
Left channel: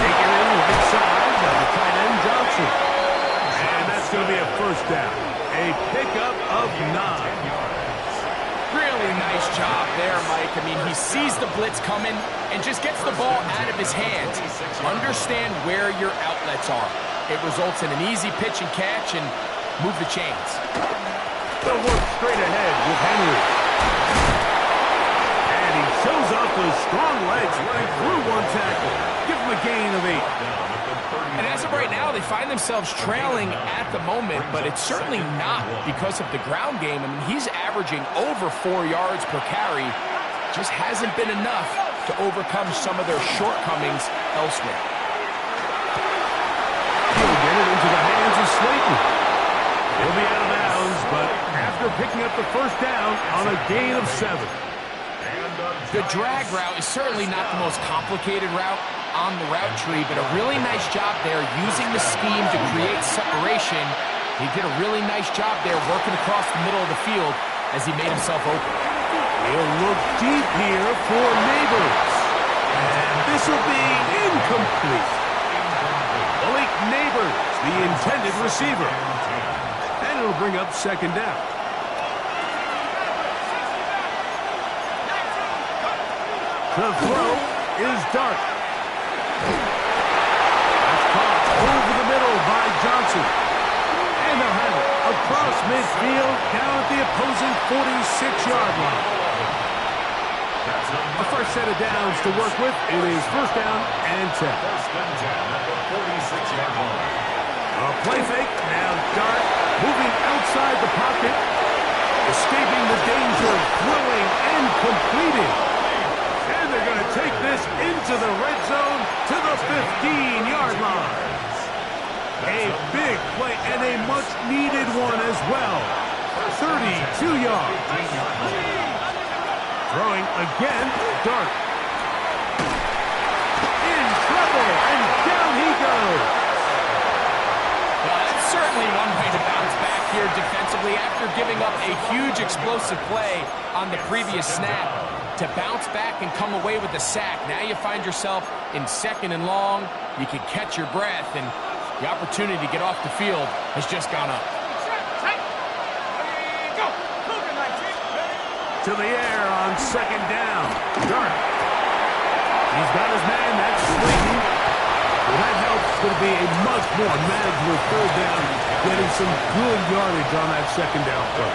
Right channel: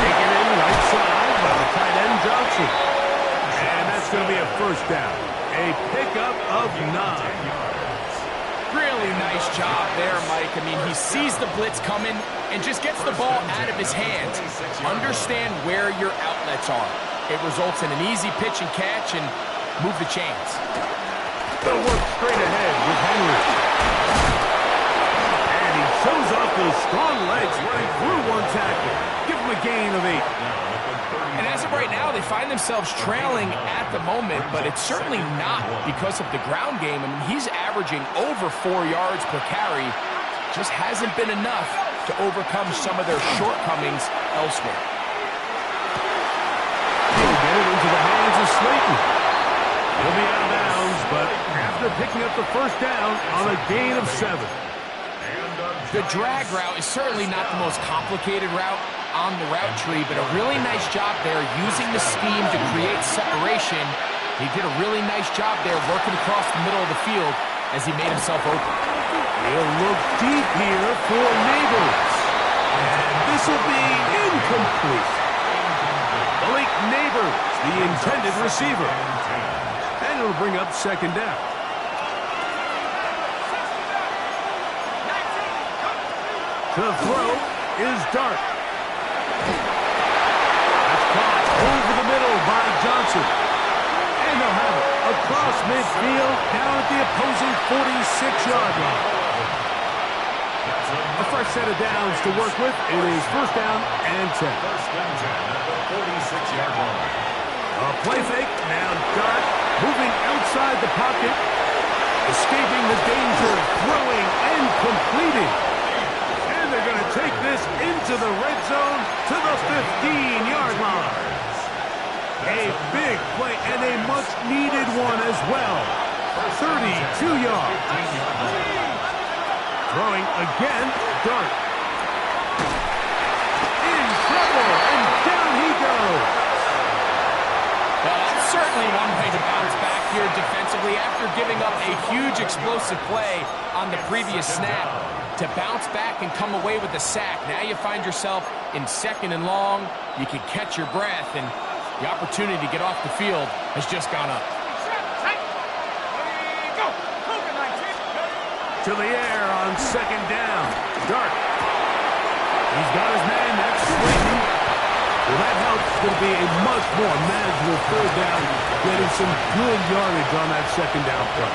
Taken in right side by the tight end Johnson. And that's going to be a first down. A pickup of 9. Really nice job there, Mike. I mean, he sees the blitz coming and just gets the ball out of his hands. Understand where your outlets are. It results in an easy pitch and catch and move the chains. They'll work straight ahead with Henry. And he shows off those strong legs running through one tackle. Give him a gain of 8. And as of right now, they find themselves trailing at the moment, but it's certainly not because of the ground game. I mean, he's averaging over 4 yards per carry. Just hasn't been enough to overcome some of their shortcomings elsewhere. He'll get it into the hands of Slayton. He'll be out of bounds, but after picking up the first down on a gain of 7. The drag route is certainly not the most complicated route on the route tree, but a really nice job there using the scheme to create separation. He did a really nice job there working across the middle of the field as he made himself open. He'll look deep here for Neighbors. And this will be incomplete. Malik Neighbors, the intended receiver. And it'll bring up second down. The throw is Dart. That's caught over the middle by Johnson. And they'll have it across midfield down at the opposing 46-yard line. A fresh set of downs to work with. It is first down and 10. First and 10 at the 46-yard line. A play fake. Now Dart moving outside the pocket. Escaping the danger. Throwing and completing. And they're going to take this into the red zone to the 15-yard line. A big play and a much-needed one as well. 32 yards. Throwing again, Dart. In trouble, and down he goes. Well, that's certainly one way to bounce back here defensively after giving up a huge explosive play on the previous snap. To bounce back and come away with a sack. Now you find yourself in second and long. You can catch your breath, and the opportunity to get off the field has just gone up. To the air on second down. Dart. He's got his man. That's Slayton. Well, that helps. It's going to be a much more manageable third down, getting some good yardage on that second down play.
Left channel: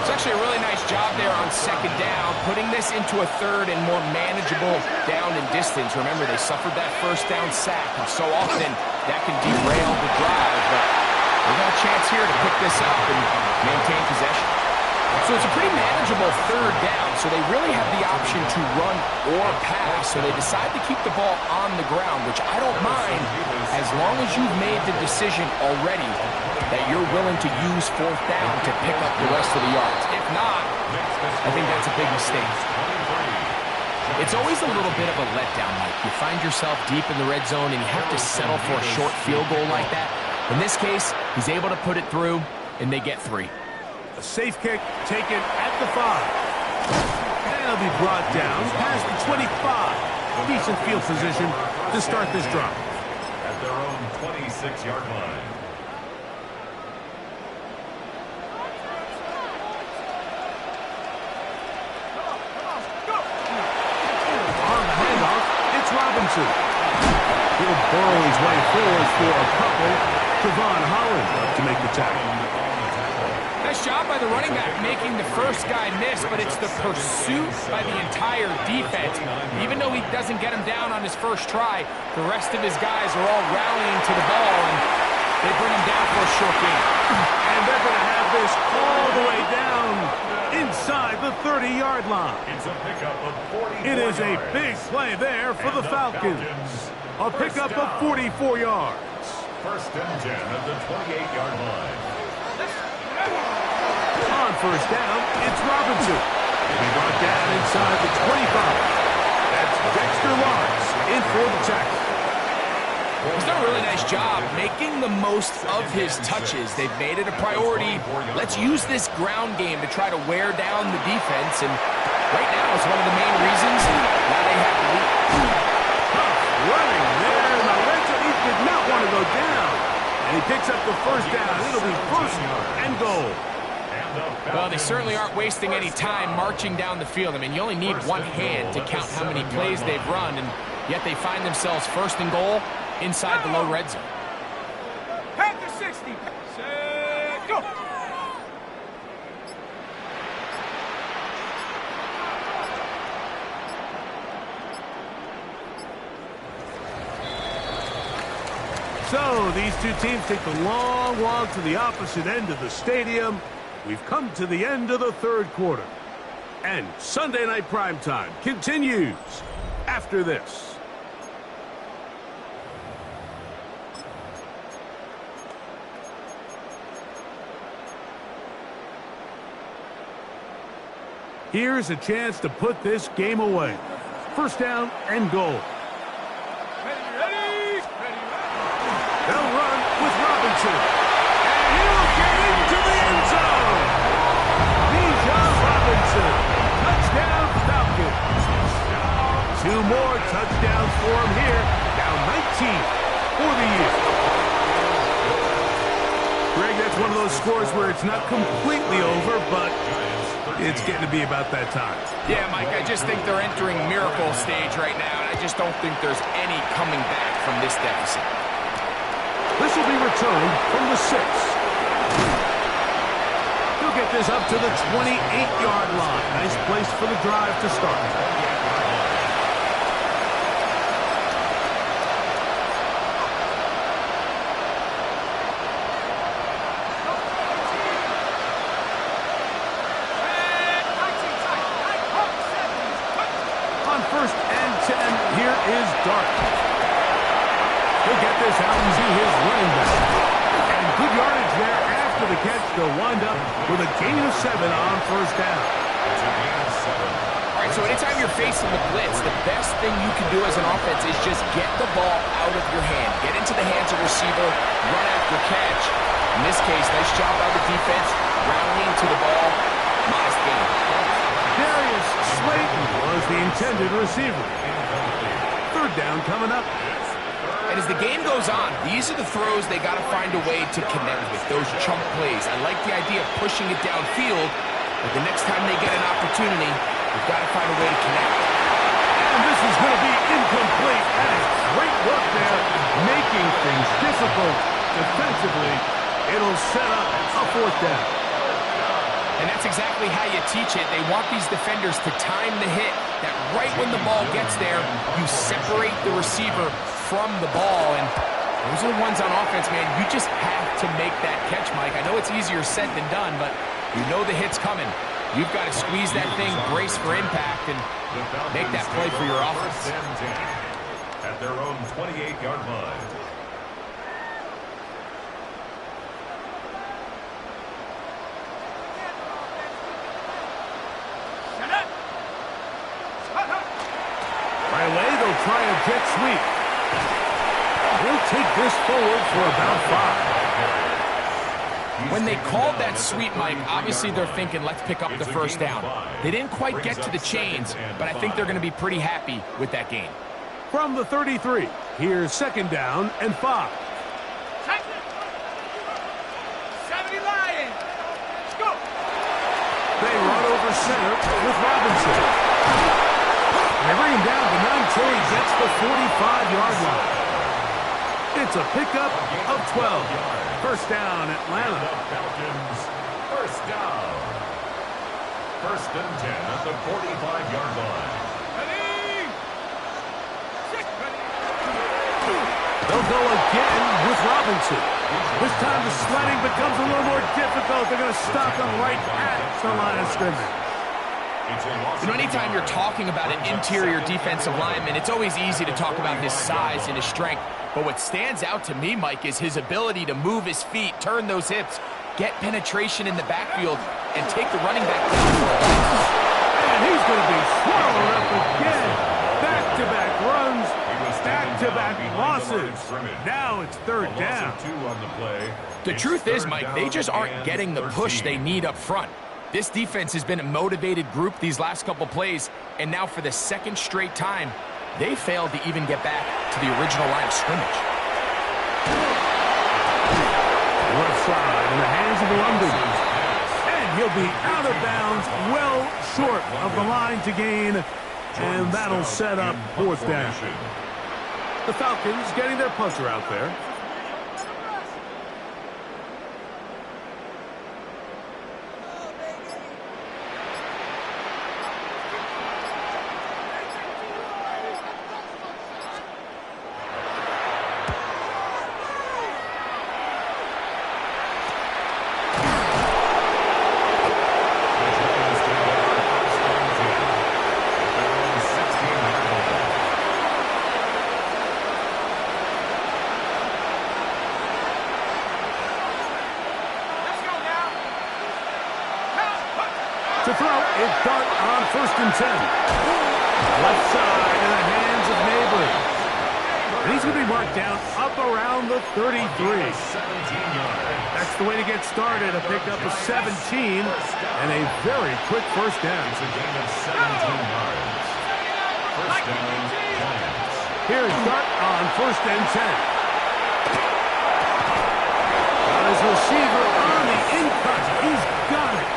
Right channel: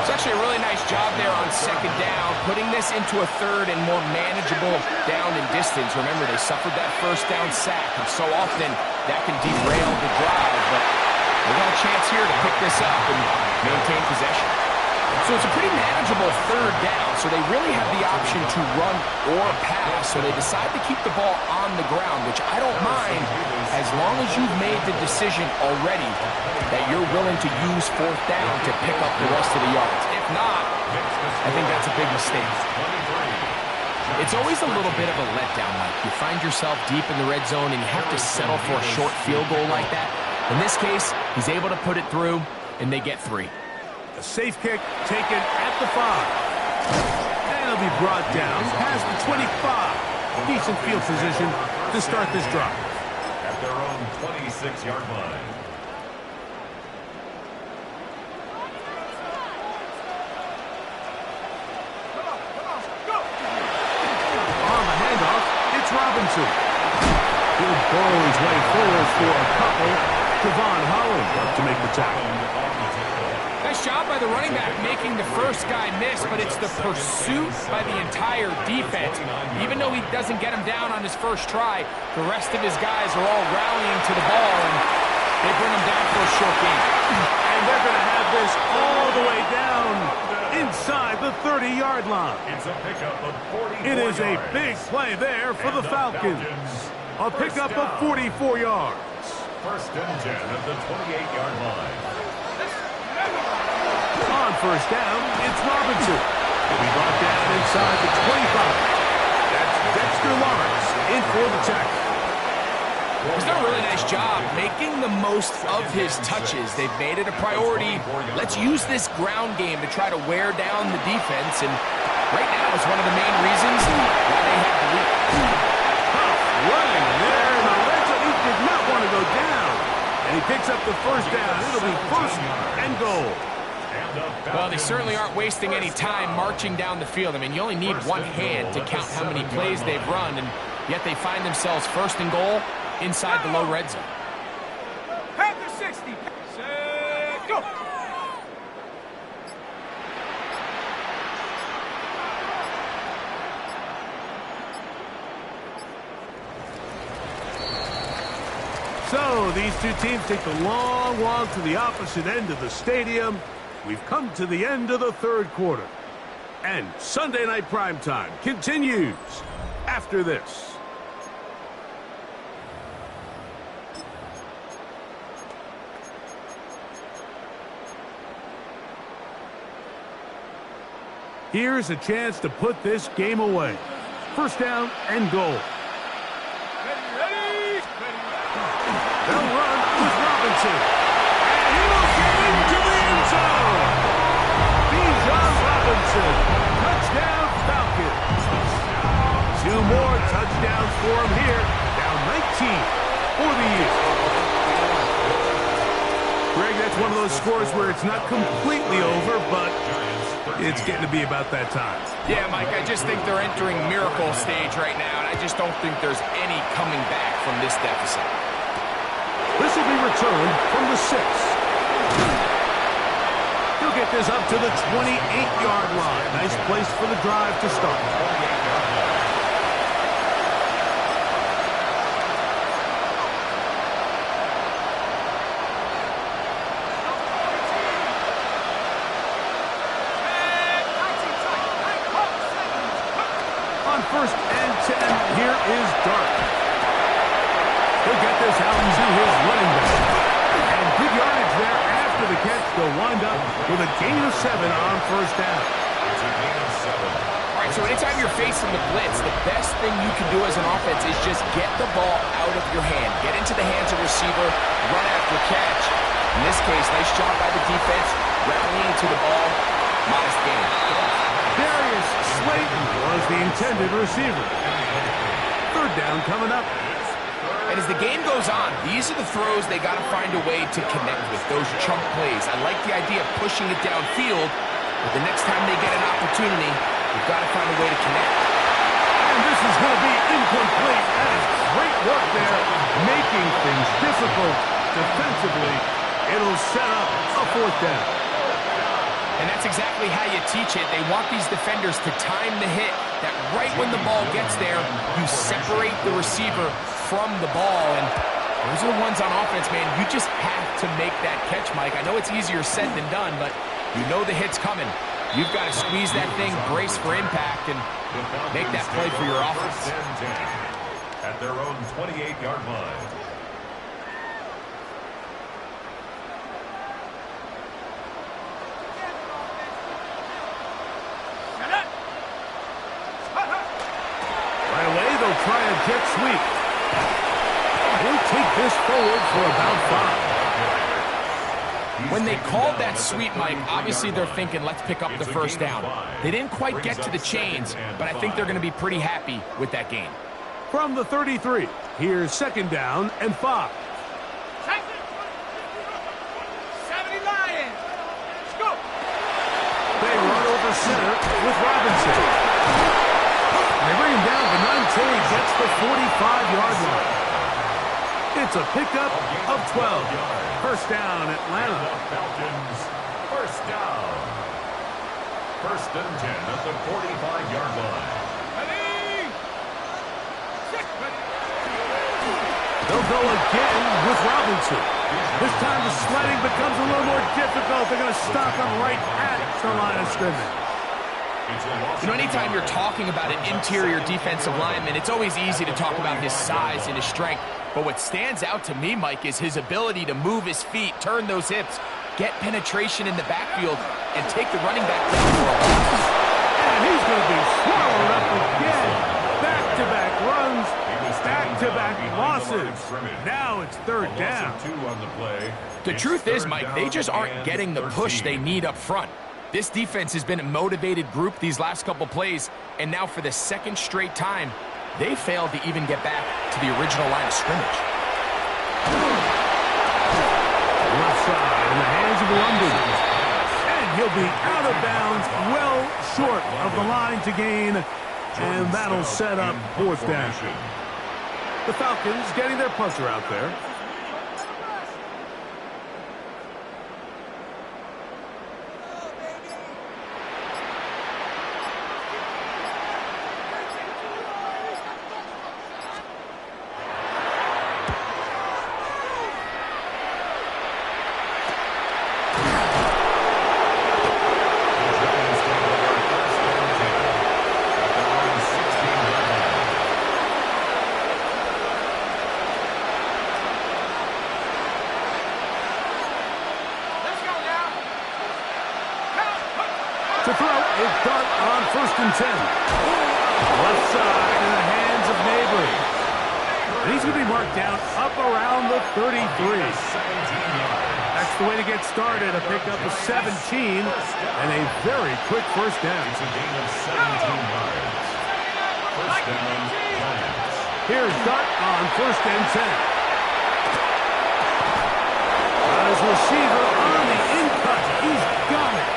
It's actually a really nice job there on second down, putting this into a third and more manageable down and distance. Remember, they suffered that first down sack, and so often that can derail the drive, but they got a chance here to pick this up and maintain possession. So it's a pretty manageable third down, so they really have the option to run or pass, so they decide to keep the ball on the ground, which I don't mind as long as you've made the decision already that you're willing to use fourth down to pick up the rest of the yards. If not, I think that's a big mistake. It's always a little bit of a letdown, Mike. You find yourself deep in the red zone and you have to settle for a short field goal like that. In this case, he's able to put it through, and they get 3. A safe kick taken at the 5. And it'll be brought down past the 25. Decent field position to start this drive. At their own 26-yard line. On the handoff, it's Robinson. He'll burrow his way forward for a couple. Javon Holland up to make the tackle. Nice Nice job by the running back making the first guy miss, but it's the pursuit by the entire defense. Even though he doesn't get him down on his first try, the rest of his guys are all rallying to the ball, and they bring him down for a short gain. And they're going to have this all the way down inside the 30-yard line. It's a pickup of 44 It is a yards. big play there for And the Falcons. A first pickup down. of 44 yards. First and 10 at the 28-yard line. On first down, it's Robinson. He'll be brought down inside the 25. That's Dexter Lawrence in for the tackle. He's done a really nice job making the most of his touches. They've made it a priority. Let's use this ground game to try to wear down the defense, and right now it's one of the main reasons why they have the lead. Tough running there, and Lorenzo, he did not want to go down. And he picks up the first down. It'll be first and goal. Well, they certainly aren't wasting any time marching down the field. I mean, you only need one hand to count how many plays they've run, and yet they find themselves first and goal inside the low red zone. Panther 60. Set, go. So these two teams take the long walk to the opposite end of the stadium. We've come to the end of the third quarter. And Sunday Night Primetime continues after this. Here's a chance to put this game away. First down and goal. Ready. They'll run with Robinson. And he'll get into the end zone. Bijan Robinson. Touchdown Falcons. Two more touchdowns for him here. Now 19 for the year. Greg, that's one of those scores where it's not completely over, but it's getting to be about that time. Yeah, Mike, I just think they're entering miracle stage right now, and I just don't think there's any coming back from this deficit. This will be returned from the 6. He'll get this up to the 28-yard line. Nice place for the drive to start. On first and 10, here is Dart. He'll get this out to his running back. And good yardage there after the catch. They'll wind up with a gain of 7 on first down. It's a gain of 7. All right, so anytime you're facing the blitz, the best thing you can do as an offense is just get the ball out of your hand. Get into the hands of receiver, run after catch. In this case, nice job by the defense, rallying to the ball, modest gain. Darius Slayton was the intended receiver. Third down coming up. And as the game goes on, these are the throws they got to find a way to connect with, those chunk plays. I like the idea of pushing it downfield, but the next time they get an opportunity, we've got to find a way to connect. And this is going to be incomplete. That is great work there, making things difficult defensively. It'll set up a fourth down. And that's exactly how you teach it. They want these defenders to time the hit, that right when the ball gets there, you separate the receiver from the ball. And those are the ones on offense, man. You just have to make that catch, Mike. I know it's easier said than done, but you know the hit's coming. You've got to squeeze that thing, brace for impact, and make that play for your offense. First and 10 at their own 28-yard line. Right away, they'll try a jet sweep. He'll take this forward for about 5. When they called that sweep, Mike, obviously they're thinking, let's pick up the first down. They didn't quite get to the chains, but I think they're going to be pretty happy with that gain. From the 33, here's second down and 5. 70 Lions. Let's go. They run over center with Robinson. They bring him down. Benante gets the 45-yard line. It's a pickup of 12. First down, Atlanta. The Falcons First down. First and 10 at the 45-yard line. Ready? Set. Ready. They'll go again with Robinson. This time the sledding becomes a little more difficult. They're going to stop him right at the line of scrimmage. You know, anytime you're talking about an interior defensive lineman, it's always easy to talk about his size and his strength. But what stands out to me, Mike, is his ability to move his feet, turn those hips, get penetration in the backfield, and take the running back down for a loss. And he's going to be swallowed up again. Back-to-back runs, back-to-back losses. Now it's third down. The truth is, Mike, they just aren't getting the push they need up front. This defense has been a motivated group these last couple plays, and now for the second straight time, they failed to even get back to the original line of scrimmage. Left side in the hands of London. And he'll be out of bounds, well short of the line to gain, and that'll set up fourth down. The Falcons getting their punter out there. To throw, it's Dart on first and 10. Left side in the hands of Neighbors. And he's going to be marked down up around the 33. That's the way to get started, a pickup of 17 and a very quick first down. It's a gain of 17 yards. First down, Giants. Here's Dart on first and 10. Got his receiver on the in-cut. He's got it.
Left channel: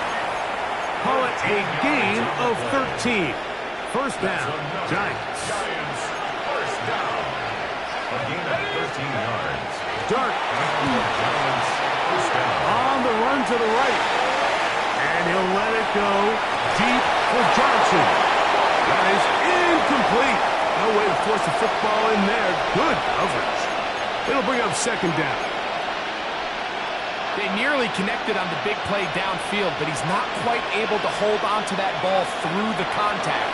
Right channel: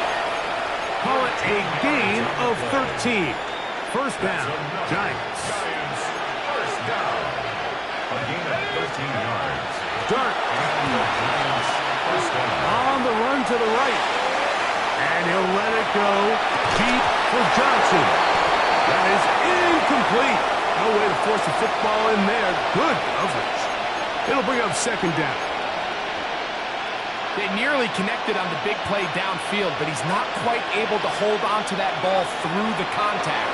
Call it a gain of 13. First down, Giants. Giants, first down. A gain of 13 yards. Dart. And the Giants, first down. On the run to the right. And he'll let it go deep for Johnson. That is incomplete. No way to force the football in there. Good coverage. It'll bring up second down. They nearly connected on the big play downfield, but he's not quite able to hold on to that ball through the contact.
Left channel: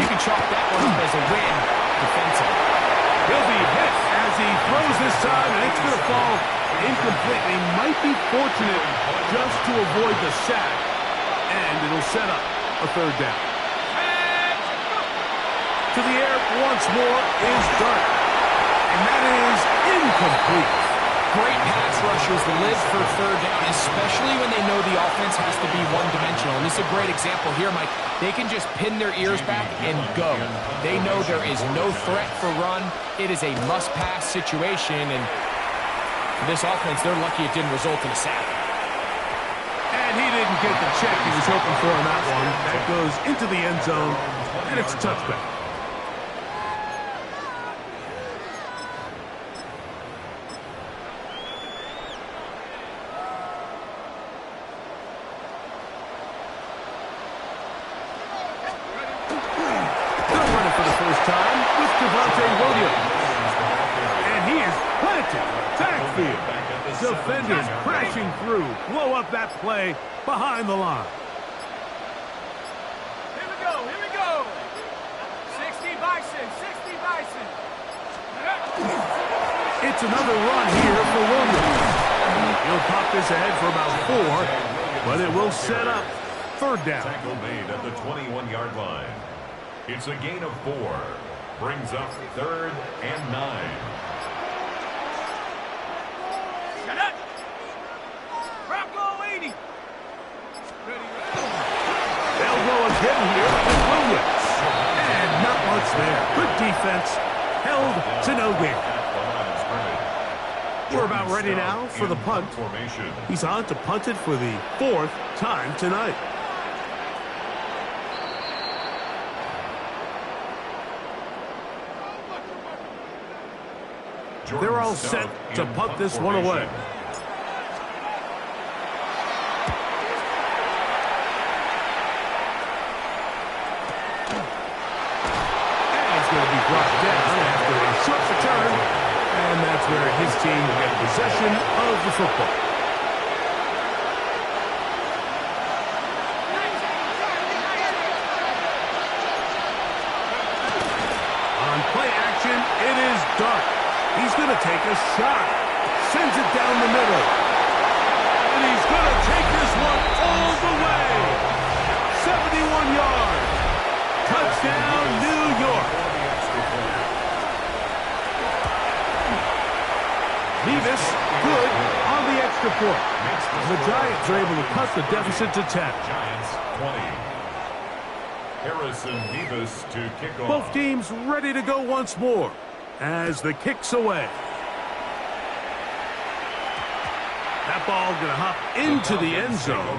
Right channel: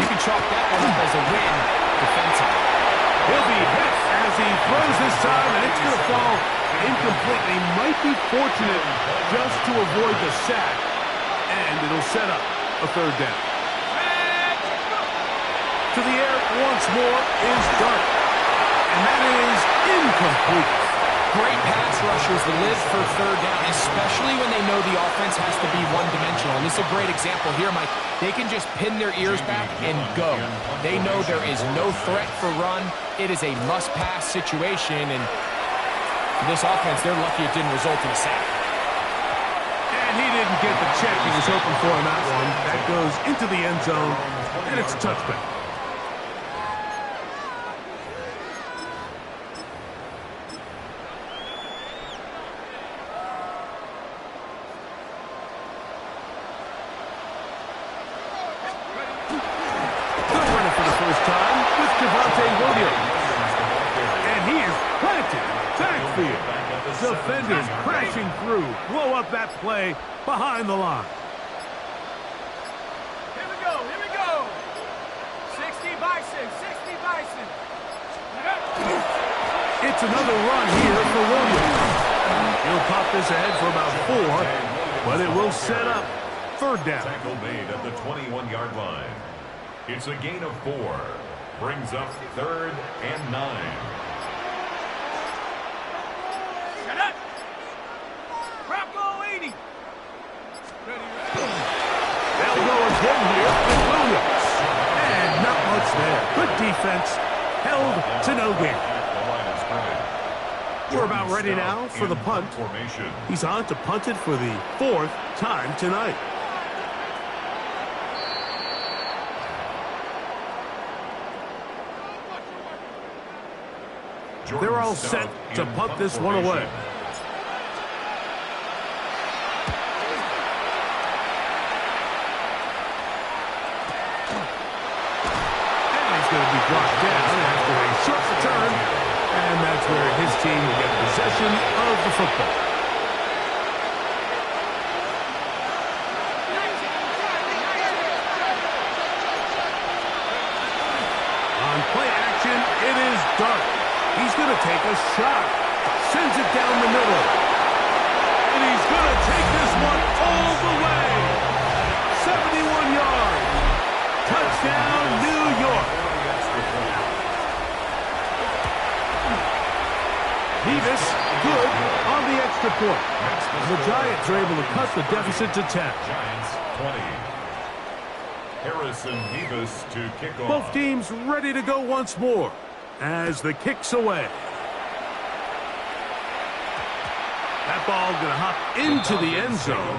You can chalk that one up as a win defensively. He'll be hit as he throws this time, and it's going to fall incomplete. He might be fortunate just to avoid the sack, and it'll set up a third down. To the air once more is Dart, and that is incomplete. Great pass rushers live for third down, especially when they know the offense has to be one-dimensional. And this is a great example here, Mike. They can just pin their ears back and go. They know there is no threat for run. It is a must-pass situation, and for this offense, they're lucky it didn't result in a sack. And he didn't get the check he was hoping for in that one. That goes into the end zone, and it's a touchback. And he is planted in the backfield. Defenders crashing through. Blow up that play behind the line. Here we go, here we go. 60 Bison, 60 Bison. It's another run here for Williams. He'll pop this ahead for about 4, but it will set up third down. Tackle made at the 21-yard line. It's a gain of 4. Brings up third and 9. Shut up. Bronco 80. Ready. They'll go again here with Williams. And not much there. Good defense. Held to no gain. We're about ready now for the punt. He's on to punt it for the 4th time tonight. They're all set to punt this one away. going to be brought down after a short return, and that's where his team will get possession of the football. On play action, it is Dart. He's going to take a shot. Sends it down the middle. And he's going to take this one all the way. 71 yards. Touchdown, New York. Nevis, good on the extra point. The Giants are able to cut the deficit to 10. Giants 20. Harrison Nevis to kick off. Both teams ready to go once more as the kick's away. That ball going to hop into the end zone.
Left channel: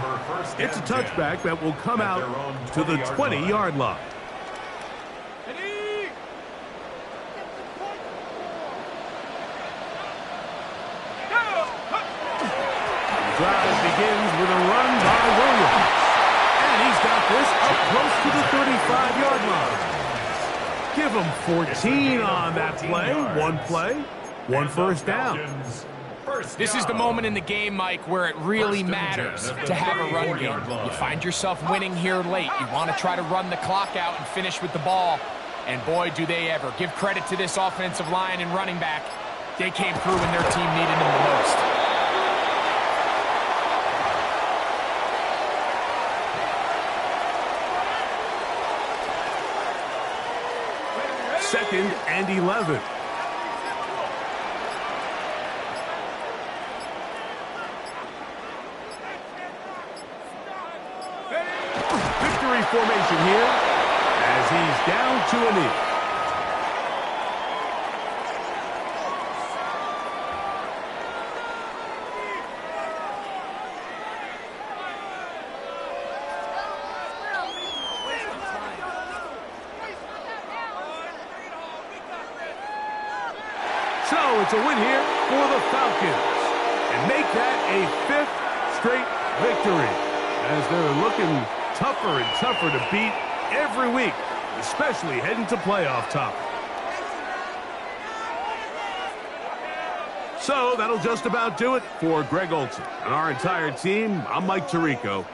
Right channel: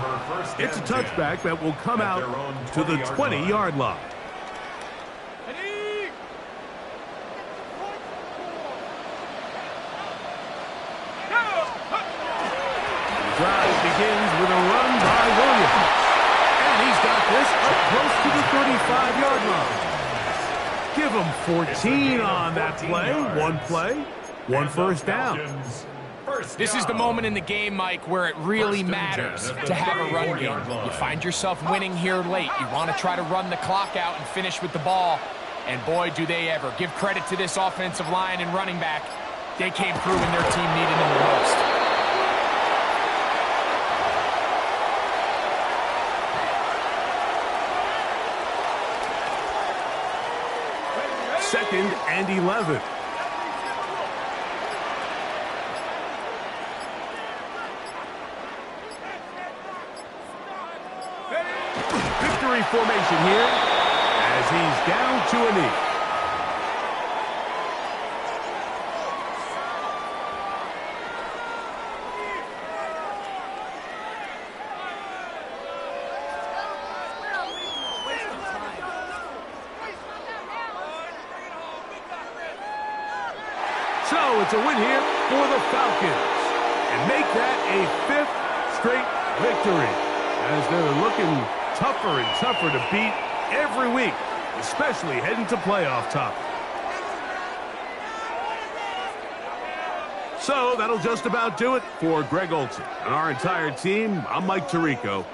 It's a touchback that will come out to the 20-yard line. The drive begins with a run by Williams. And he's got this up close to the 35-yard line. Give him 14 on that play. One first down. This is the moment in the game, Mike, where it really matters to have a run game. You find yourself winning here late. You want to try to run the clock out and finish with the ball. And boy, do they ever. Give credit to this offensive line and running back. They came through when their team needed them the most. Second and 11. Victory formation here as he's down to a knee. So it's a win here for the Falcons and make that a 5th straight victory as they're looking tougher and tougher to beat every week, especially heading to playoff time. So that'll just about do it for Greg Olson and our entire team. I'm Mike Tirico.